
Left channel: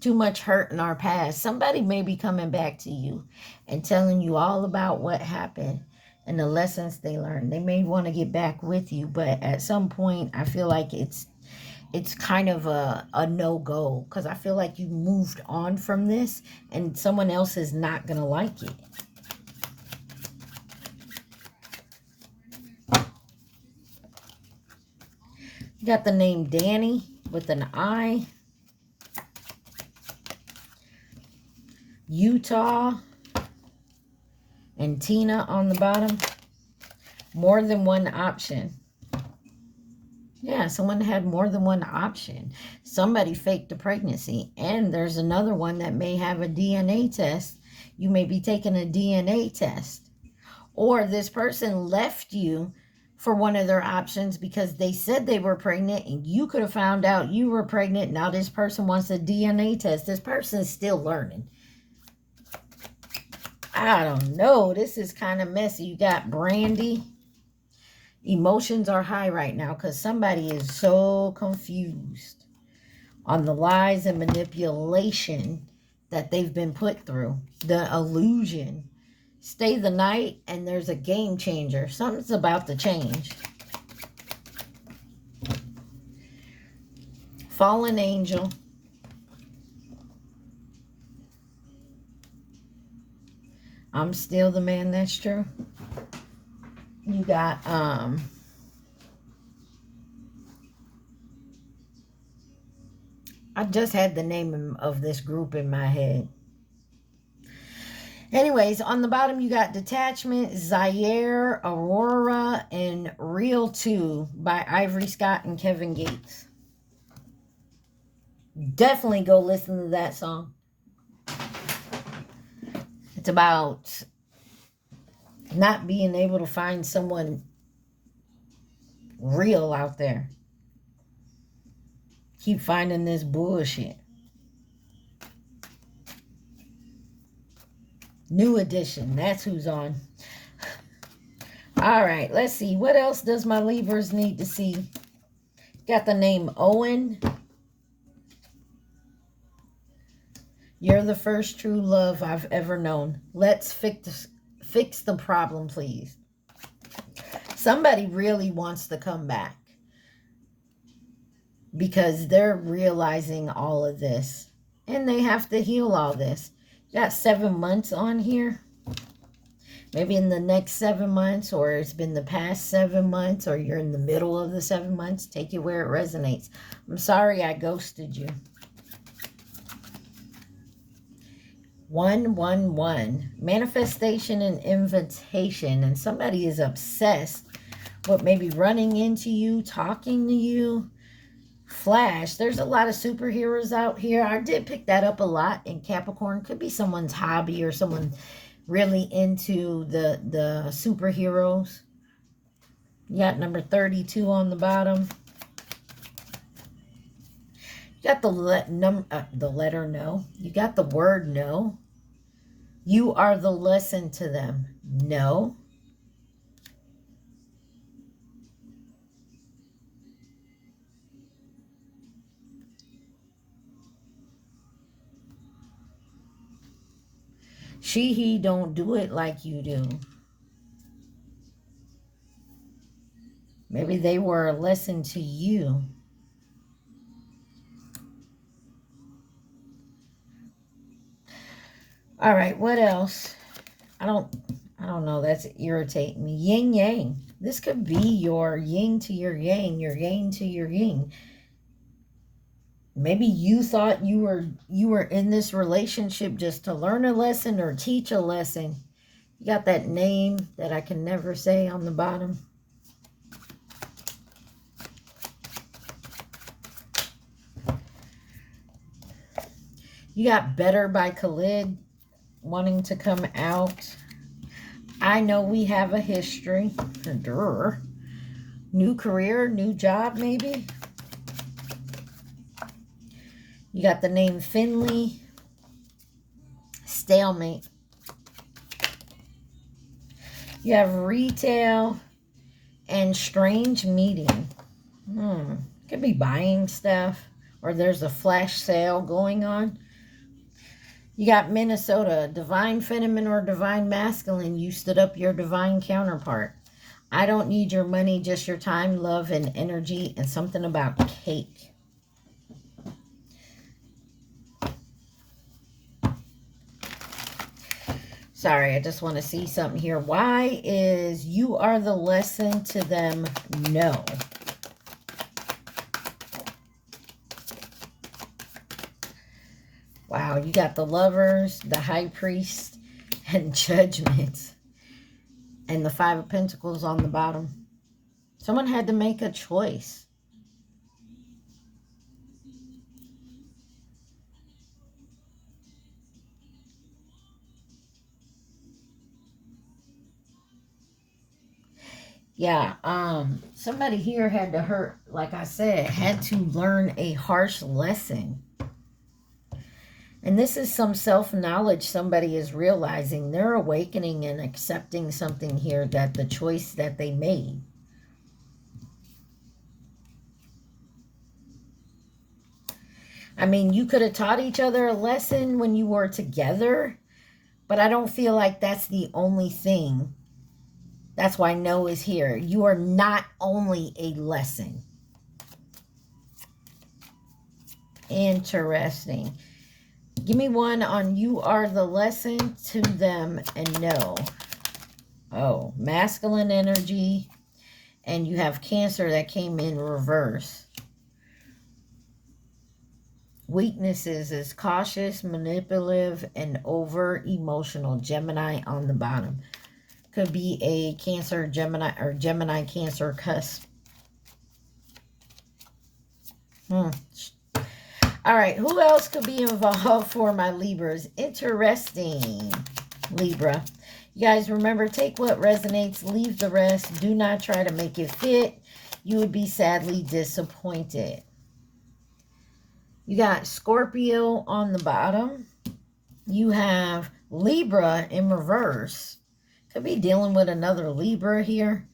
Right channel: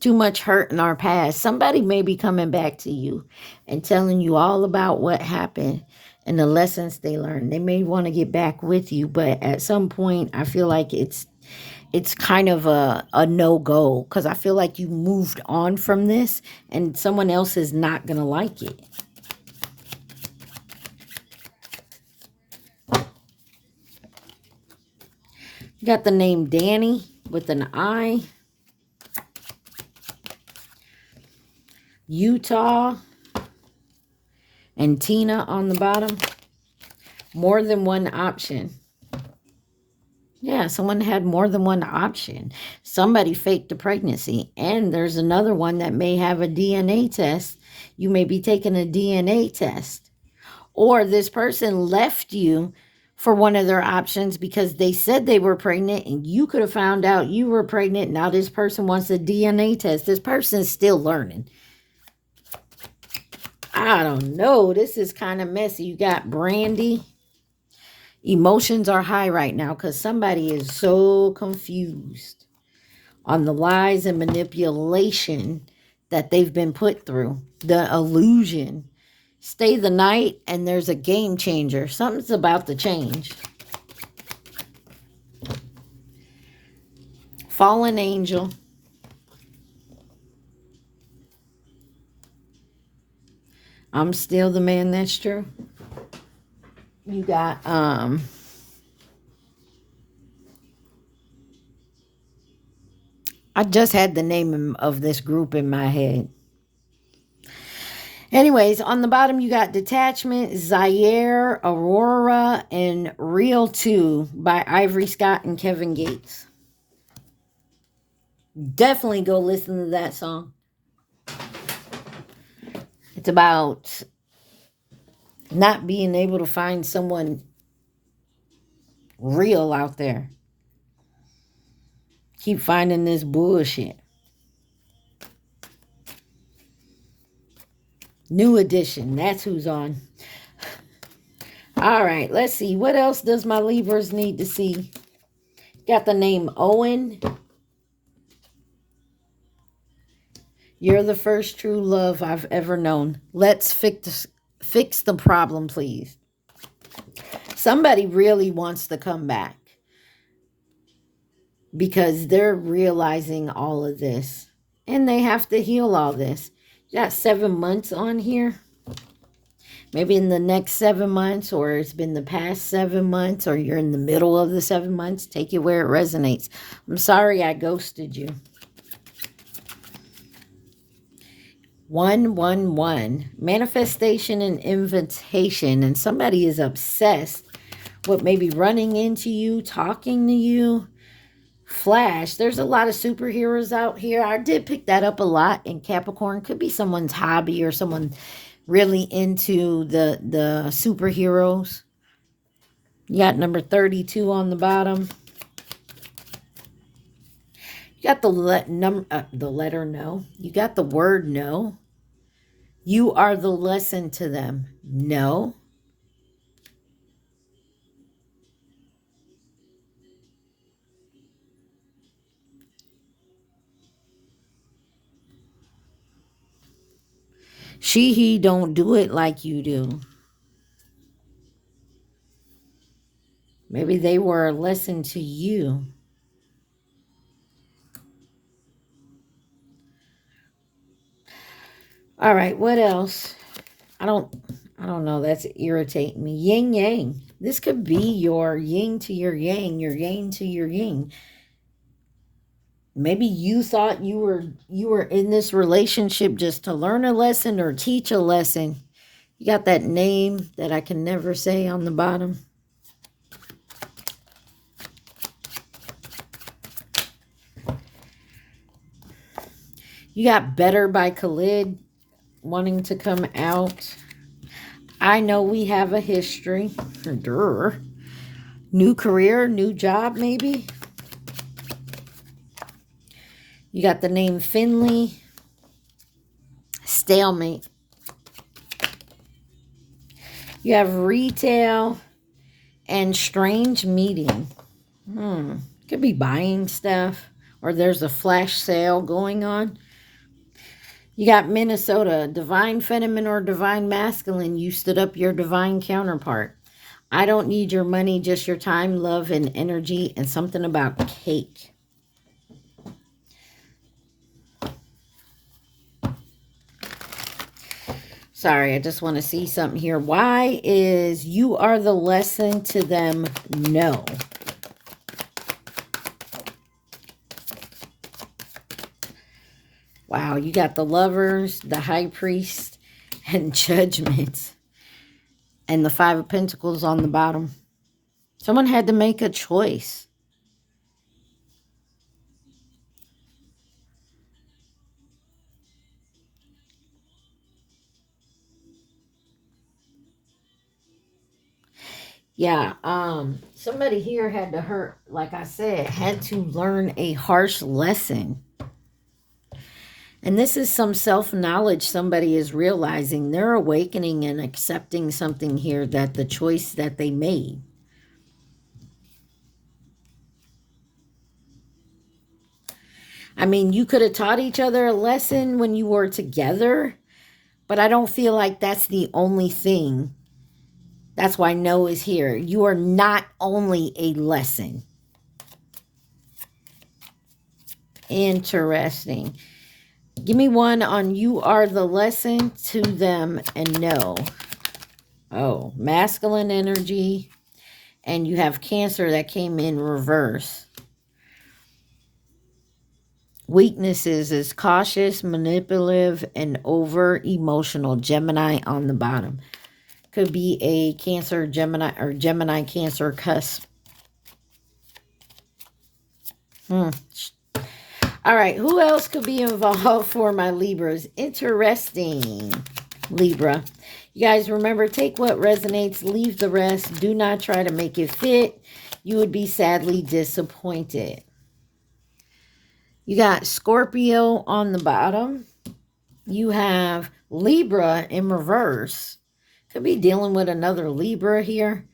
Too much hurt in our past. Somebody may be coming back to you and telling you all about what happened and the lessons they learned. They may want to get back with you, but at some point, I feel like it's kind of a no-go because I feel like you moved on from this and someone else is not going to like it. You got the name Danny with an I. Utah. And Tina on the bottom. More than one option. Yeah, someone had more than one option. Somebody faked a pregnancy. And there's another one that may have a DNA test. You may be taking a DNA test. Or this person left you for one of their options because they said they were pregnant and you could have found out you were pregnant. Now this person wants a DNA test. This person's still learning. I don't know. This is kind of messy. You got Brandy. Emotions are high right now because somebody is so confused on the lies and manipulation that they've been put through. The illusion. Stay the night and there's a game changer. Something's about to change. Fallen angel. I'm still the man, that's true. You got I just had the name of this group in my head. Anyways, on the bottom you got Detachment, Zaire, Aurora, and Real 2 by Ivory Scott and Kevin Gates. Definitely go listen to that song. It's about not being able to find someone real out there. Keep finding this bullshit. New edition. That's who's on. All right. Let's see. What else does my Libras need to see? Got the name Owen. You're the first true love I've ever known. Let's fix the problem, please. Somebody really wants to come back because they're realizing all of this and they have to heal all this. You got 7 months on here. Maybe in the next 7 months, or it's been the past 7 months, or you're in the middle of the 7 months. Take it where it resonates. I'm sorry I ghosted you. 111. Manifestation and invitation. And somebody is obsessed with maybe running into you, talking to you. Flash. There's a lot of superheroes out here. I did pick that up a lot in Capricorn. Could be someone's hobby or someone really into the superheroes. You got number 32 on the bottom. You got the letter no. You got the word no. You are the lesson to them. No. He don't do it like you do. Maybe they were a lesson to you. All right, what else? I don't know. That's irritating me. Yin yang. This could be your yin to your yang to your yin. Maybe you thought you were in this relationship just to learn a lesson or teach a lesson. You got that name that I can never say on the bottom. You got Better by Khalid wanting to come out. I know we have a history. Durr. New career, new job maybe. You got the name Finley. Stalemate. You have retail and strange meeting. Could be buying stuff, or there's a flash sale going on. You got Minnesota, divine feminine or divine masculine. You stood up your divine counterpart. I don't need your money, just your time, love, and energy, and something about cake. Sorry, I just want to see something here. Why is you are the lesson to them? No. Wow, you got the Lovers, the High Priest, and Judgment. And the Five of Pentacles on the bottom. Someone had to make a choice. Yeah, somebody here had to like I said, had to learn a harsh lesson. And this is some self-knowledge somebody is realizing. They're awakening and accepting something here, that the choice that they made. I mean, you could have taught each other a lesson when you were together, but I don't feel like that's the only thing. That's why no is here. You are not only a lesson. Interesting. Give me one on you are the lesson to them and no. Oh, masculine energy. And you have Cancer that came in reverse. Weaknesses is cautious, manipulative, and over-emotional. Gemini on the bottom. Could be a Cancer, Gemini, or Gemini, Cancer cusp. All right, who else could be involved for my Libras? Interesting, Libra. You guys remember, take what resonates, leave the rest. Do not try to make it fit. You would be sadly disappointed. You got Scorpio on the bottom. You have Libra in reverse. Could be dealing with another Libra here.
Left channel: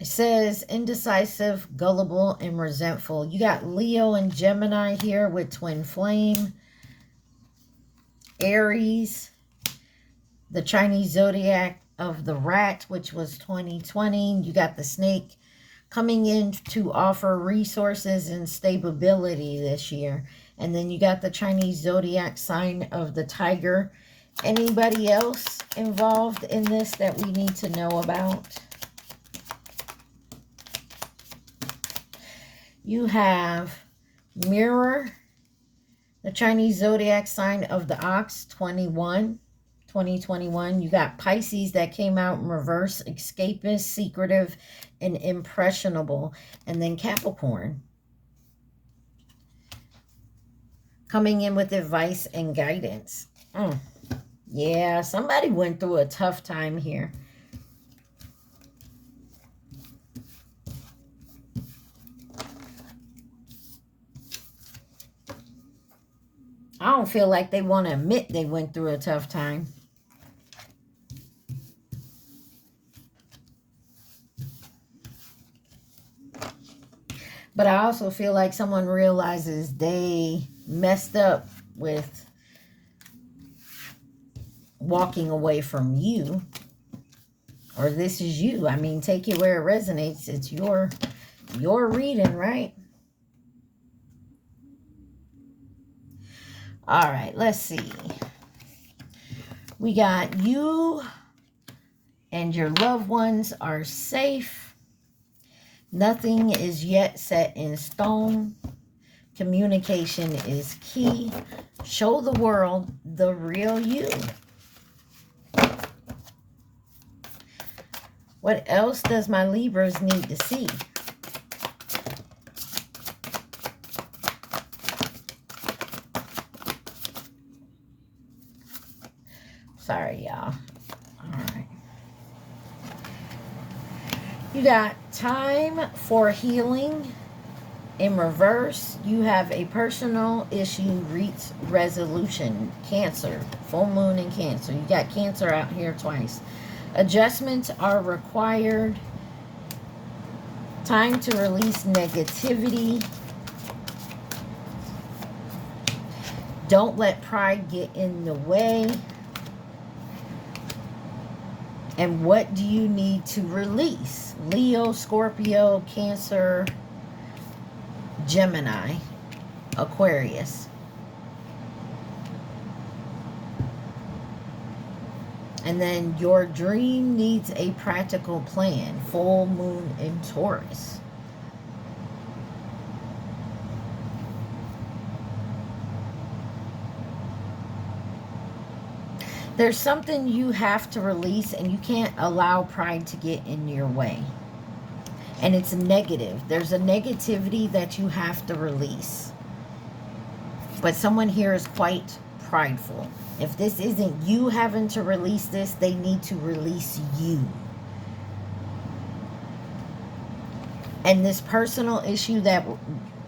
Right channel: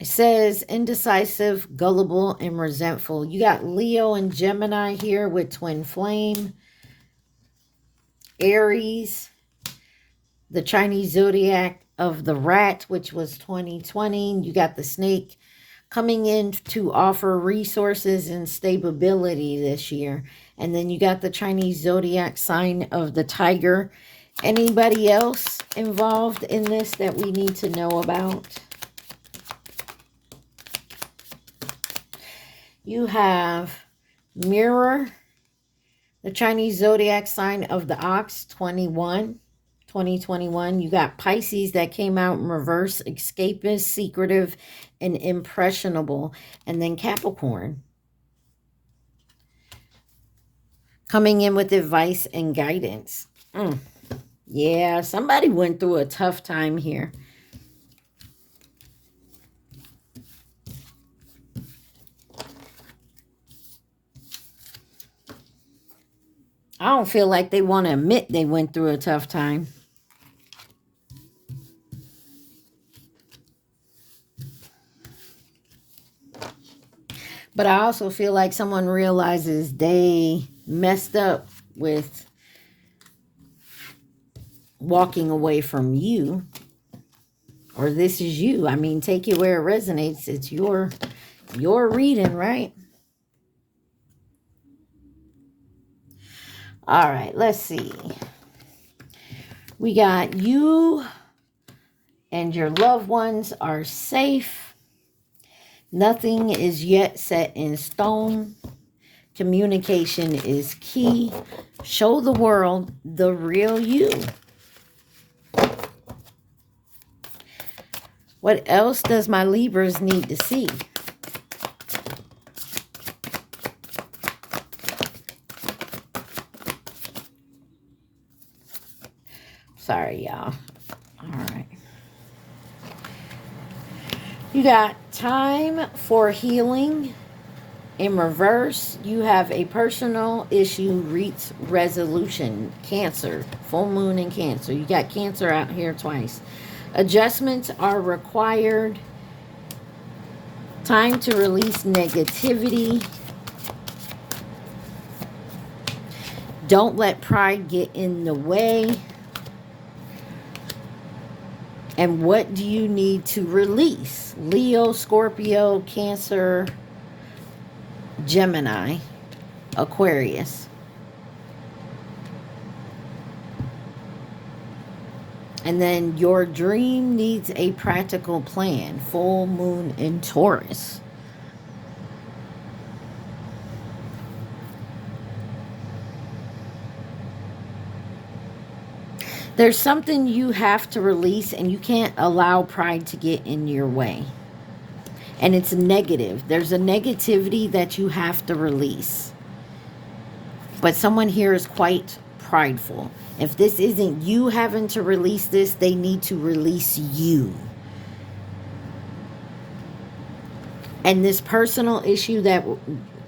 It says indecisive, gullible, and resentful. You got Leo and Gemini here with twin flame. Aries, the Chinese zodiac of the rat, which was 2020. You got the snake coming in to offer resources and stability this year. And then you got the Chinese zodiac sign of the tiger. Anybody else involved in this that we need to know about? You have Mirror, the Chinese zodiac sign of the ox, 2021. You got Pisces that came out in reverse, escapist, secretive, and impressionable. And then Capricorn, coming in with advice and guidance. Yeah, somebody went through a tough time here. I don't feel like they want to admit they went through a tough time. But I also feel like someone realizes they messed up with walking away from you. Or this is you. I mean, take it where it resonates. It's your reading, right? All right, let's see. We got you and your loved ones are safe. Nothing is yet set in stone. Communication is key. Show the world the real you. What else does my Libras need to see? Sorry, y'all. All right. You got time for healing. In reverse, you have a personal issue reach resolution. Cancer, full moon in Cancer. You got Cancer out here twice. Adjustments are required. Time to release negativity. Don't let pride get in the way. And what do you need to release? Leo, Scorpio, Cancer, Gemini, Aquarius. And then your dream needs a practical plan. Full moon in Taurus. There's something you have to release, and you can't allow pride to get in your way. And it's negative. There's a negativity that you have to release. But someone here is quite prideful. If this isn't you having to release this, they need to release you. And this personal issue that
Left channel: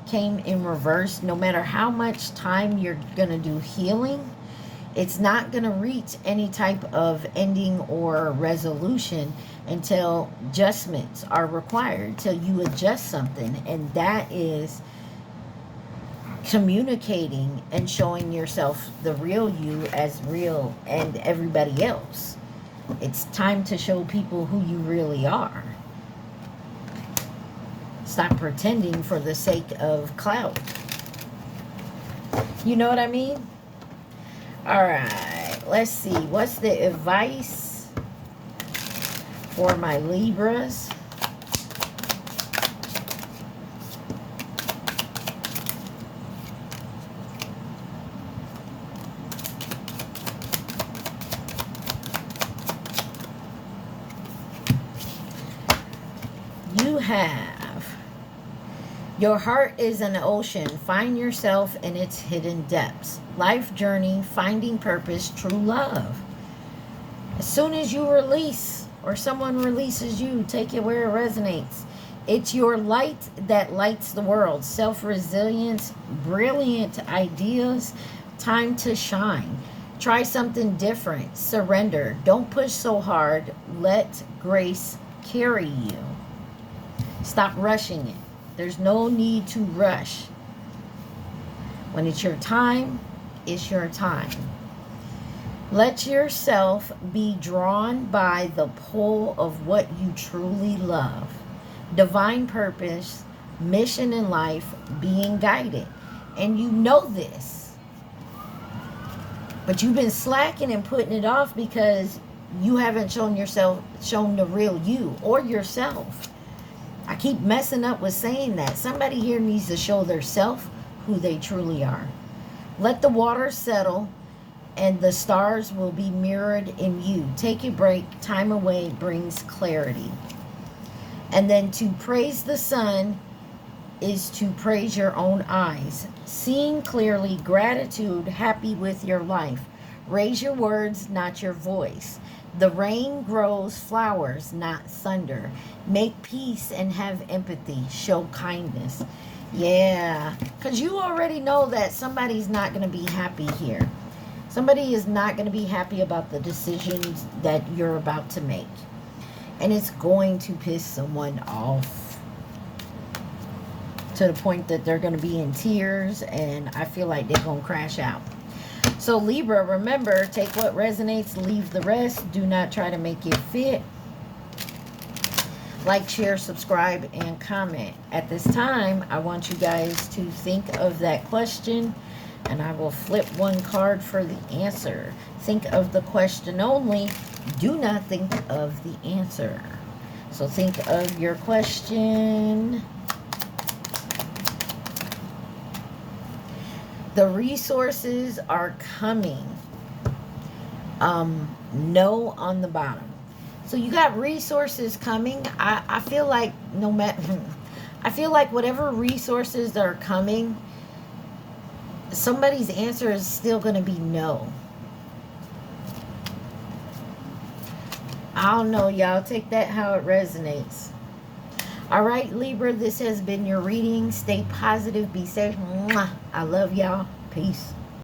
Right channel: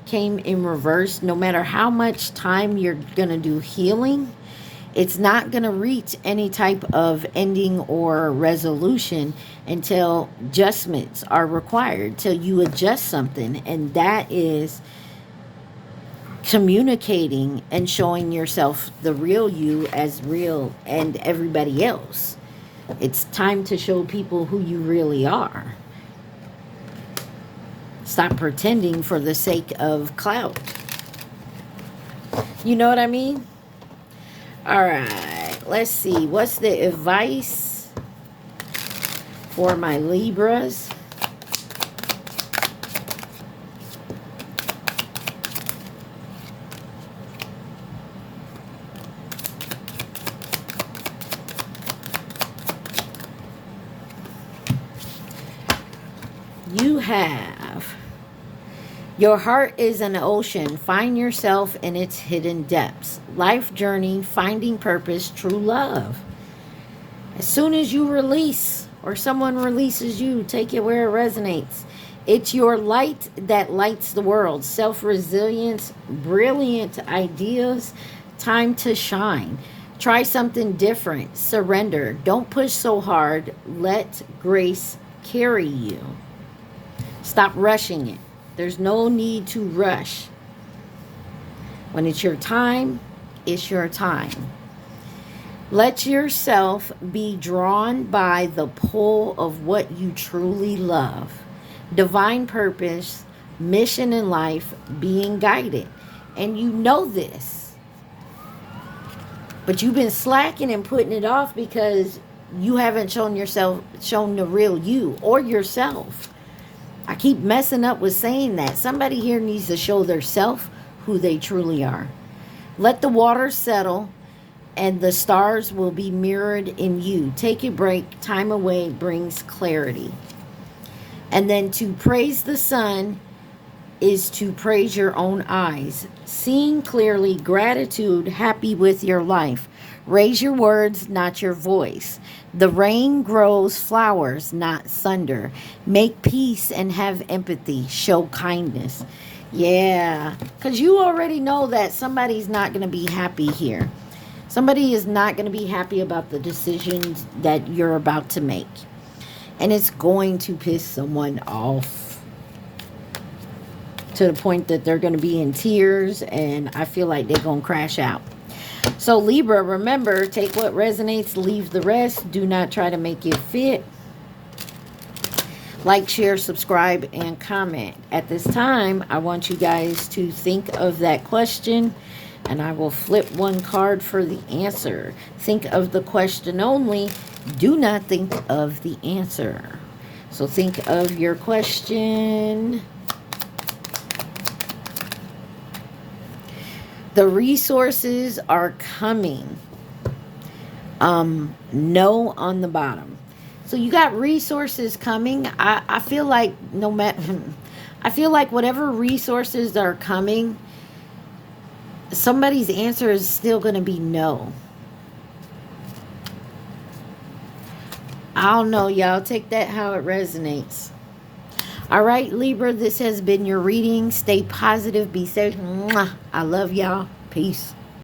came in reverse, no matter how much time you're going to do healing, it's not going to reach any type of ending or resolution until adjustments are required, till you adjust something. And that is communicating and showing yourself the real you as real and everybody else. It's time to show people who you really are. Stop pretending for the sake of clout. You know what I mean? All right, let's see. What's the advice for my Libras? You have, your heart is an ocean. Find yourself in its hidden depths. Life journey, finding purpose, true love. As soon as you release, or someone releases you, take it where it resonates. It's your light that lights the world. Self-resilience, brilliant ideas, time to shine. Try something different. Surrender. Don't push so hard. Let grace carry you. Stop rushing it. There's no need to rush. When it's your time, it's your time. Let yourself be drawn by the pull of what you truly love. Divine purpose, mission in life, being guided. And you know this. But you've been slacking and putting it off because you haven't shown the real you or yourself. I keep messing up with saying that. Somebody here needs to show their self who they truly are. Let the water settle and the stars will be mirrored in you. Take a break. Time away brings clarity. And then to praise the sun is to praise your own eyes. Seeing clearly, gratitude, happy with your life. Raise your words, not your voice. The rain grows flowers, not thunder. Make peace and have empathy. Show kindness. Yeah, because you already know that somebody's not going to be happy here. Somebody is not going to be happy about the decisions that you're about to make. And it's going to piss someone off to the point that they're going to be in tears, and I feel like they're going to crash out. So Libra, remember, take what resonates, leave the rest. Do not try to make it fit. Like, share, subscribe, and comment. At this time, I want you guys to think of that question, and I will flip one card for the answer. Think of the question only. Do not think of the answer. So think of your question. The resources are coming. No on the bottom. So you got resources coming. I feel like no matter, I feel like whatever resources that are coming, somebody's answer is still going to be no. I don't know, y'all. Take that how it resonates. All right, Libra, this has been your reading. Stay positive. Be safe. Mwah. I love y'all. Peace.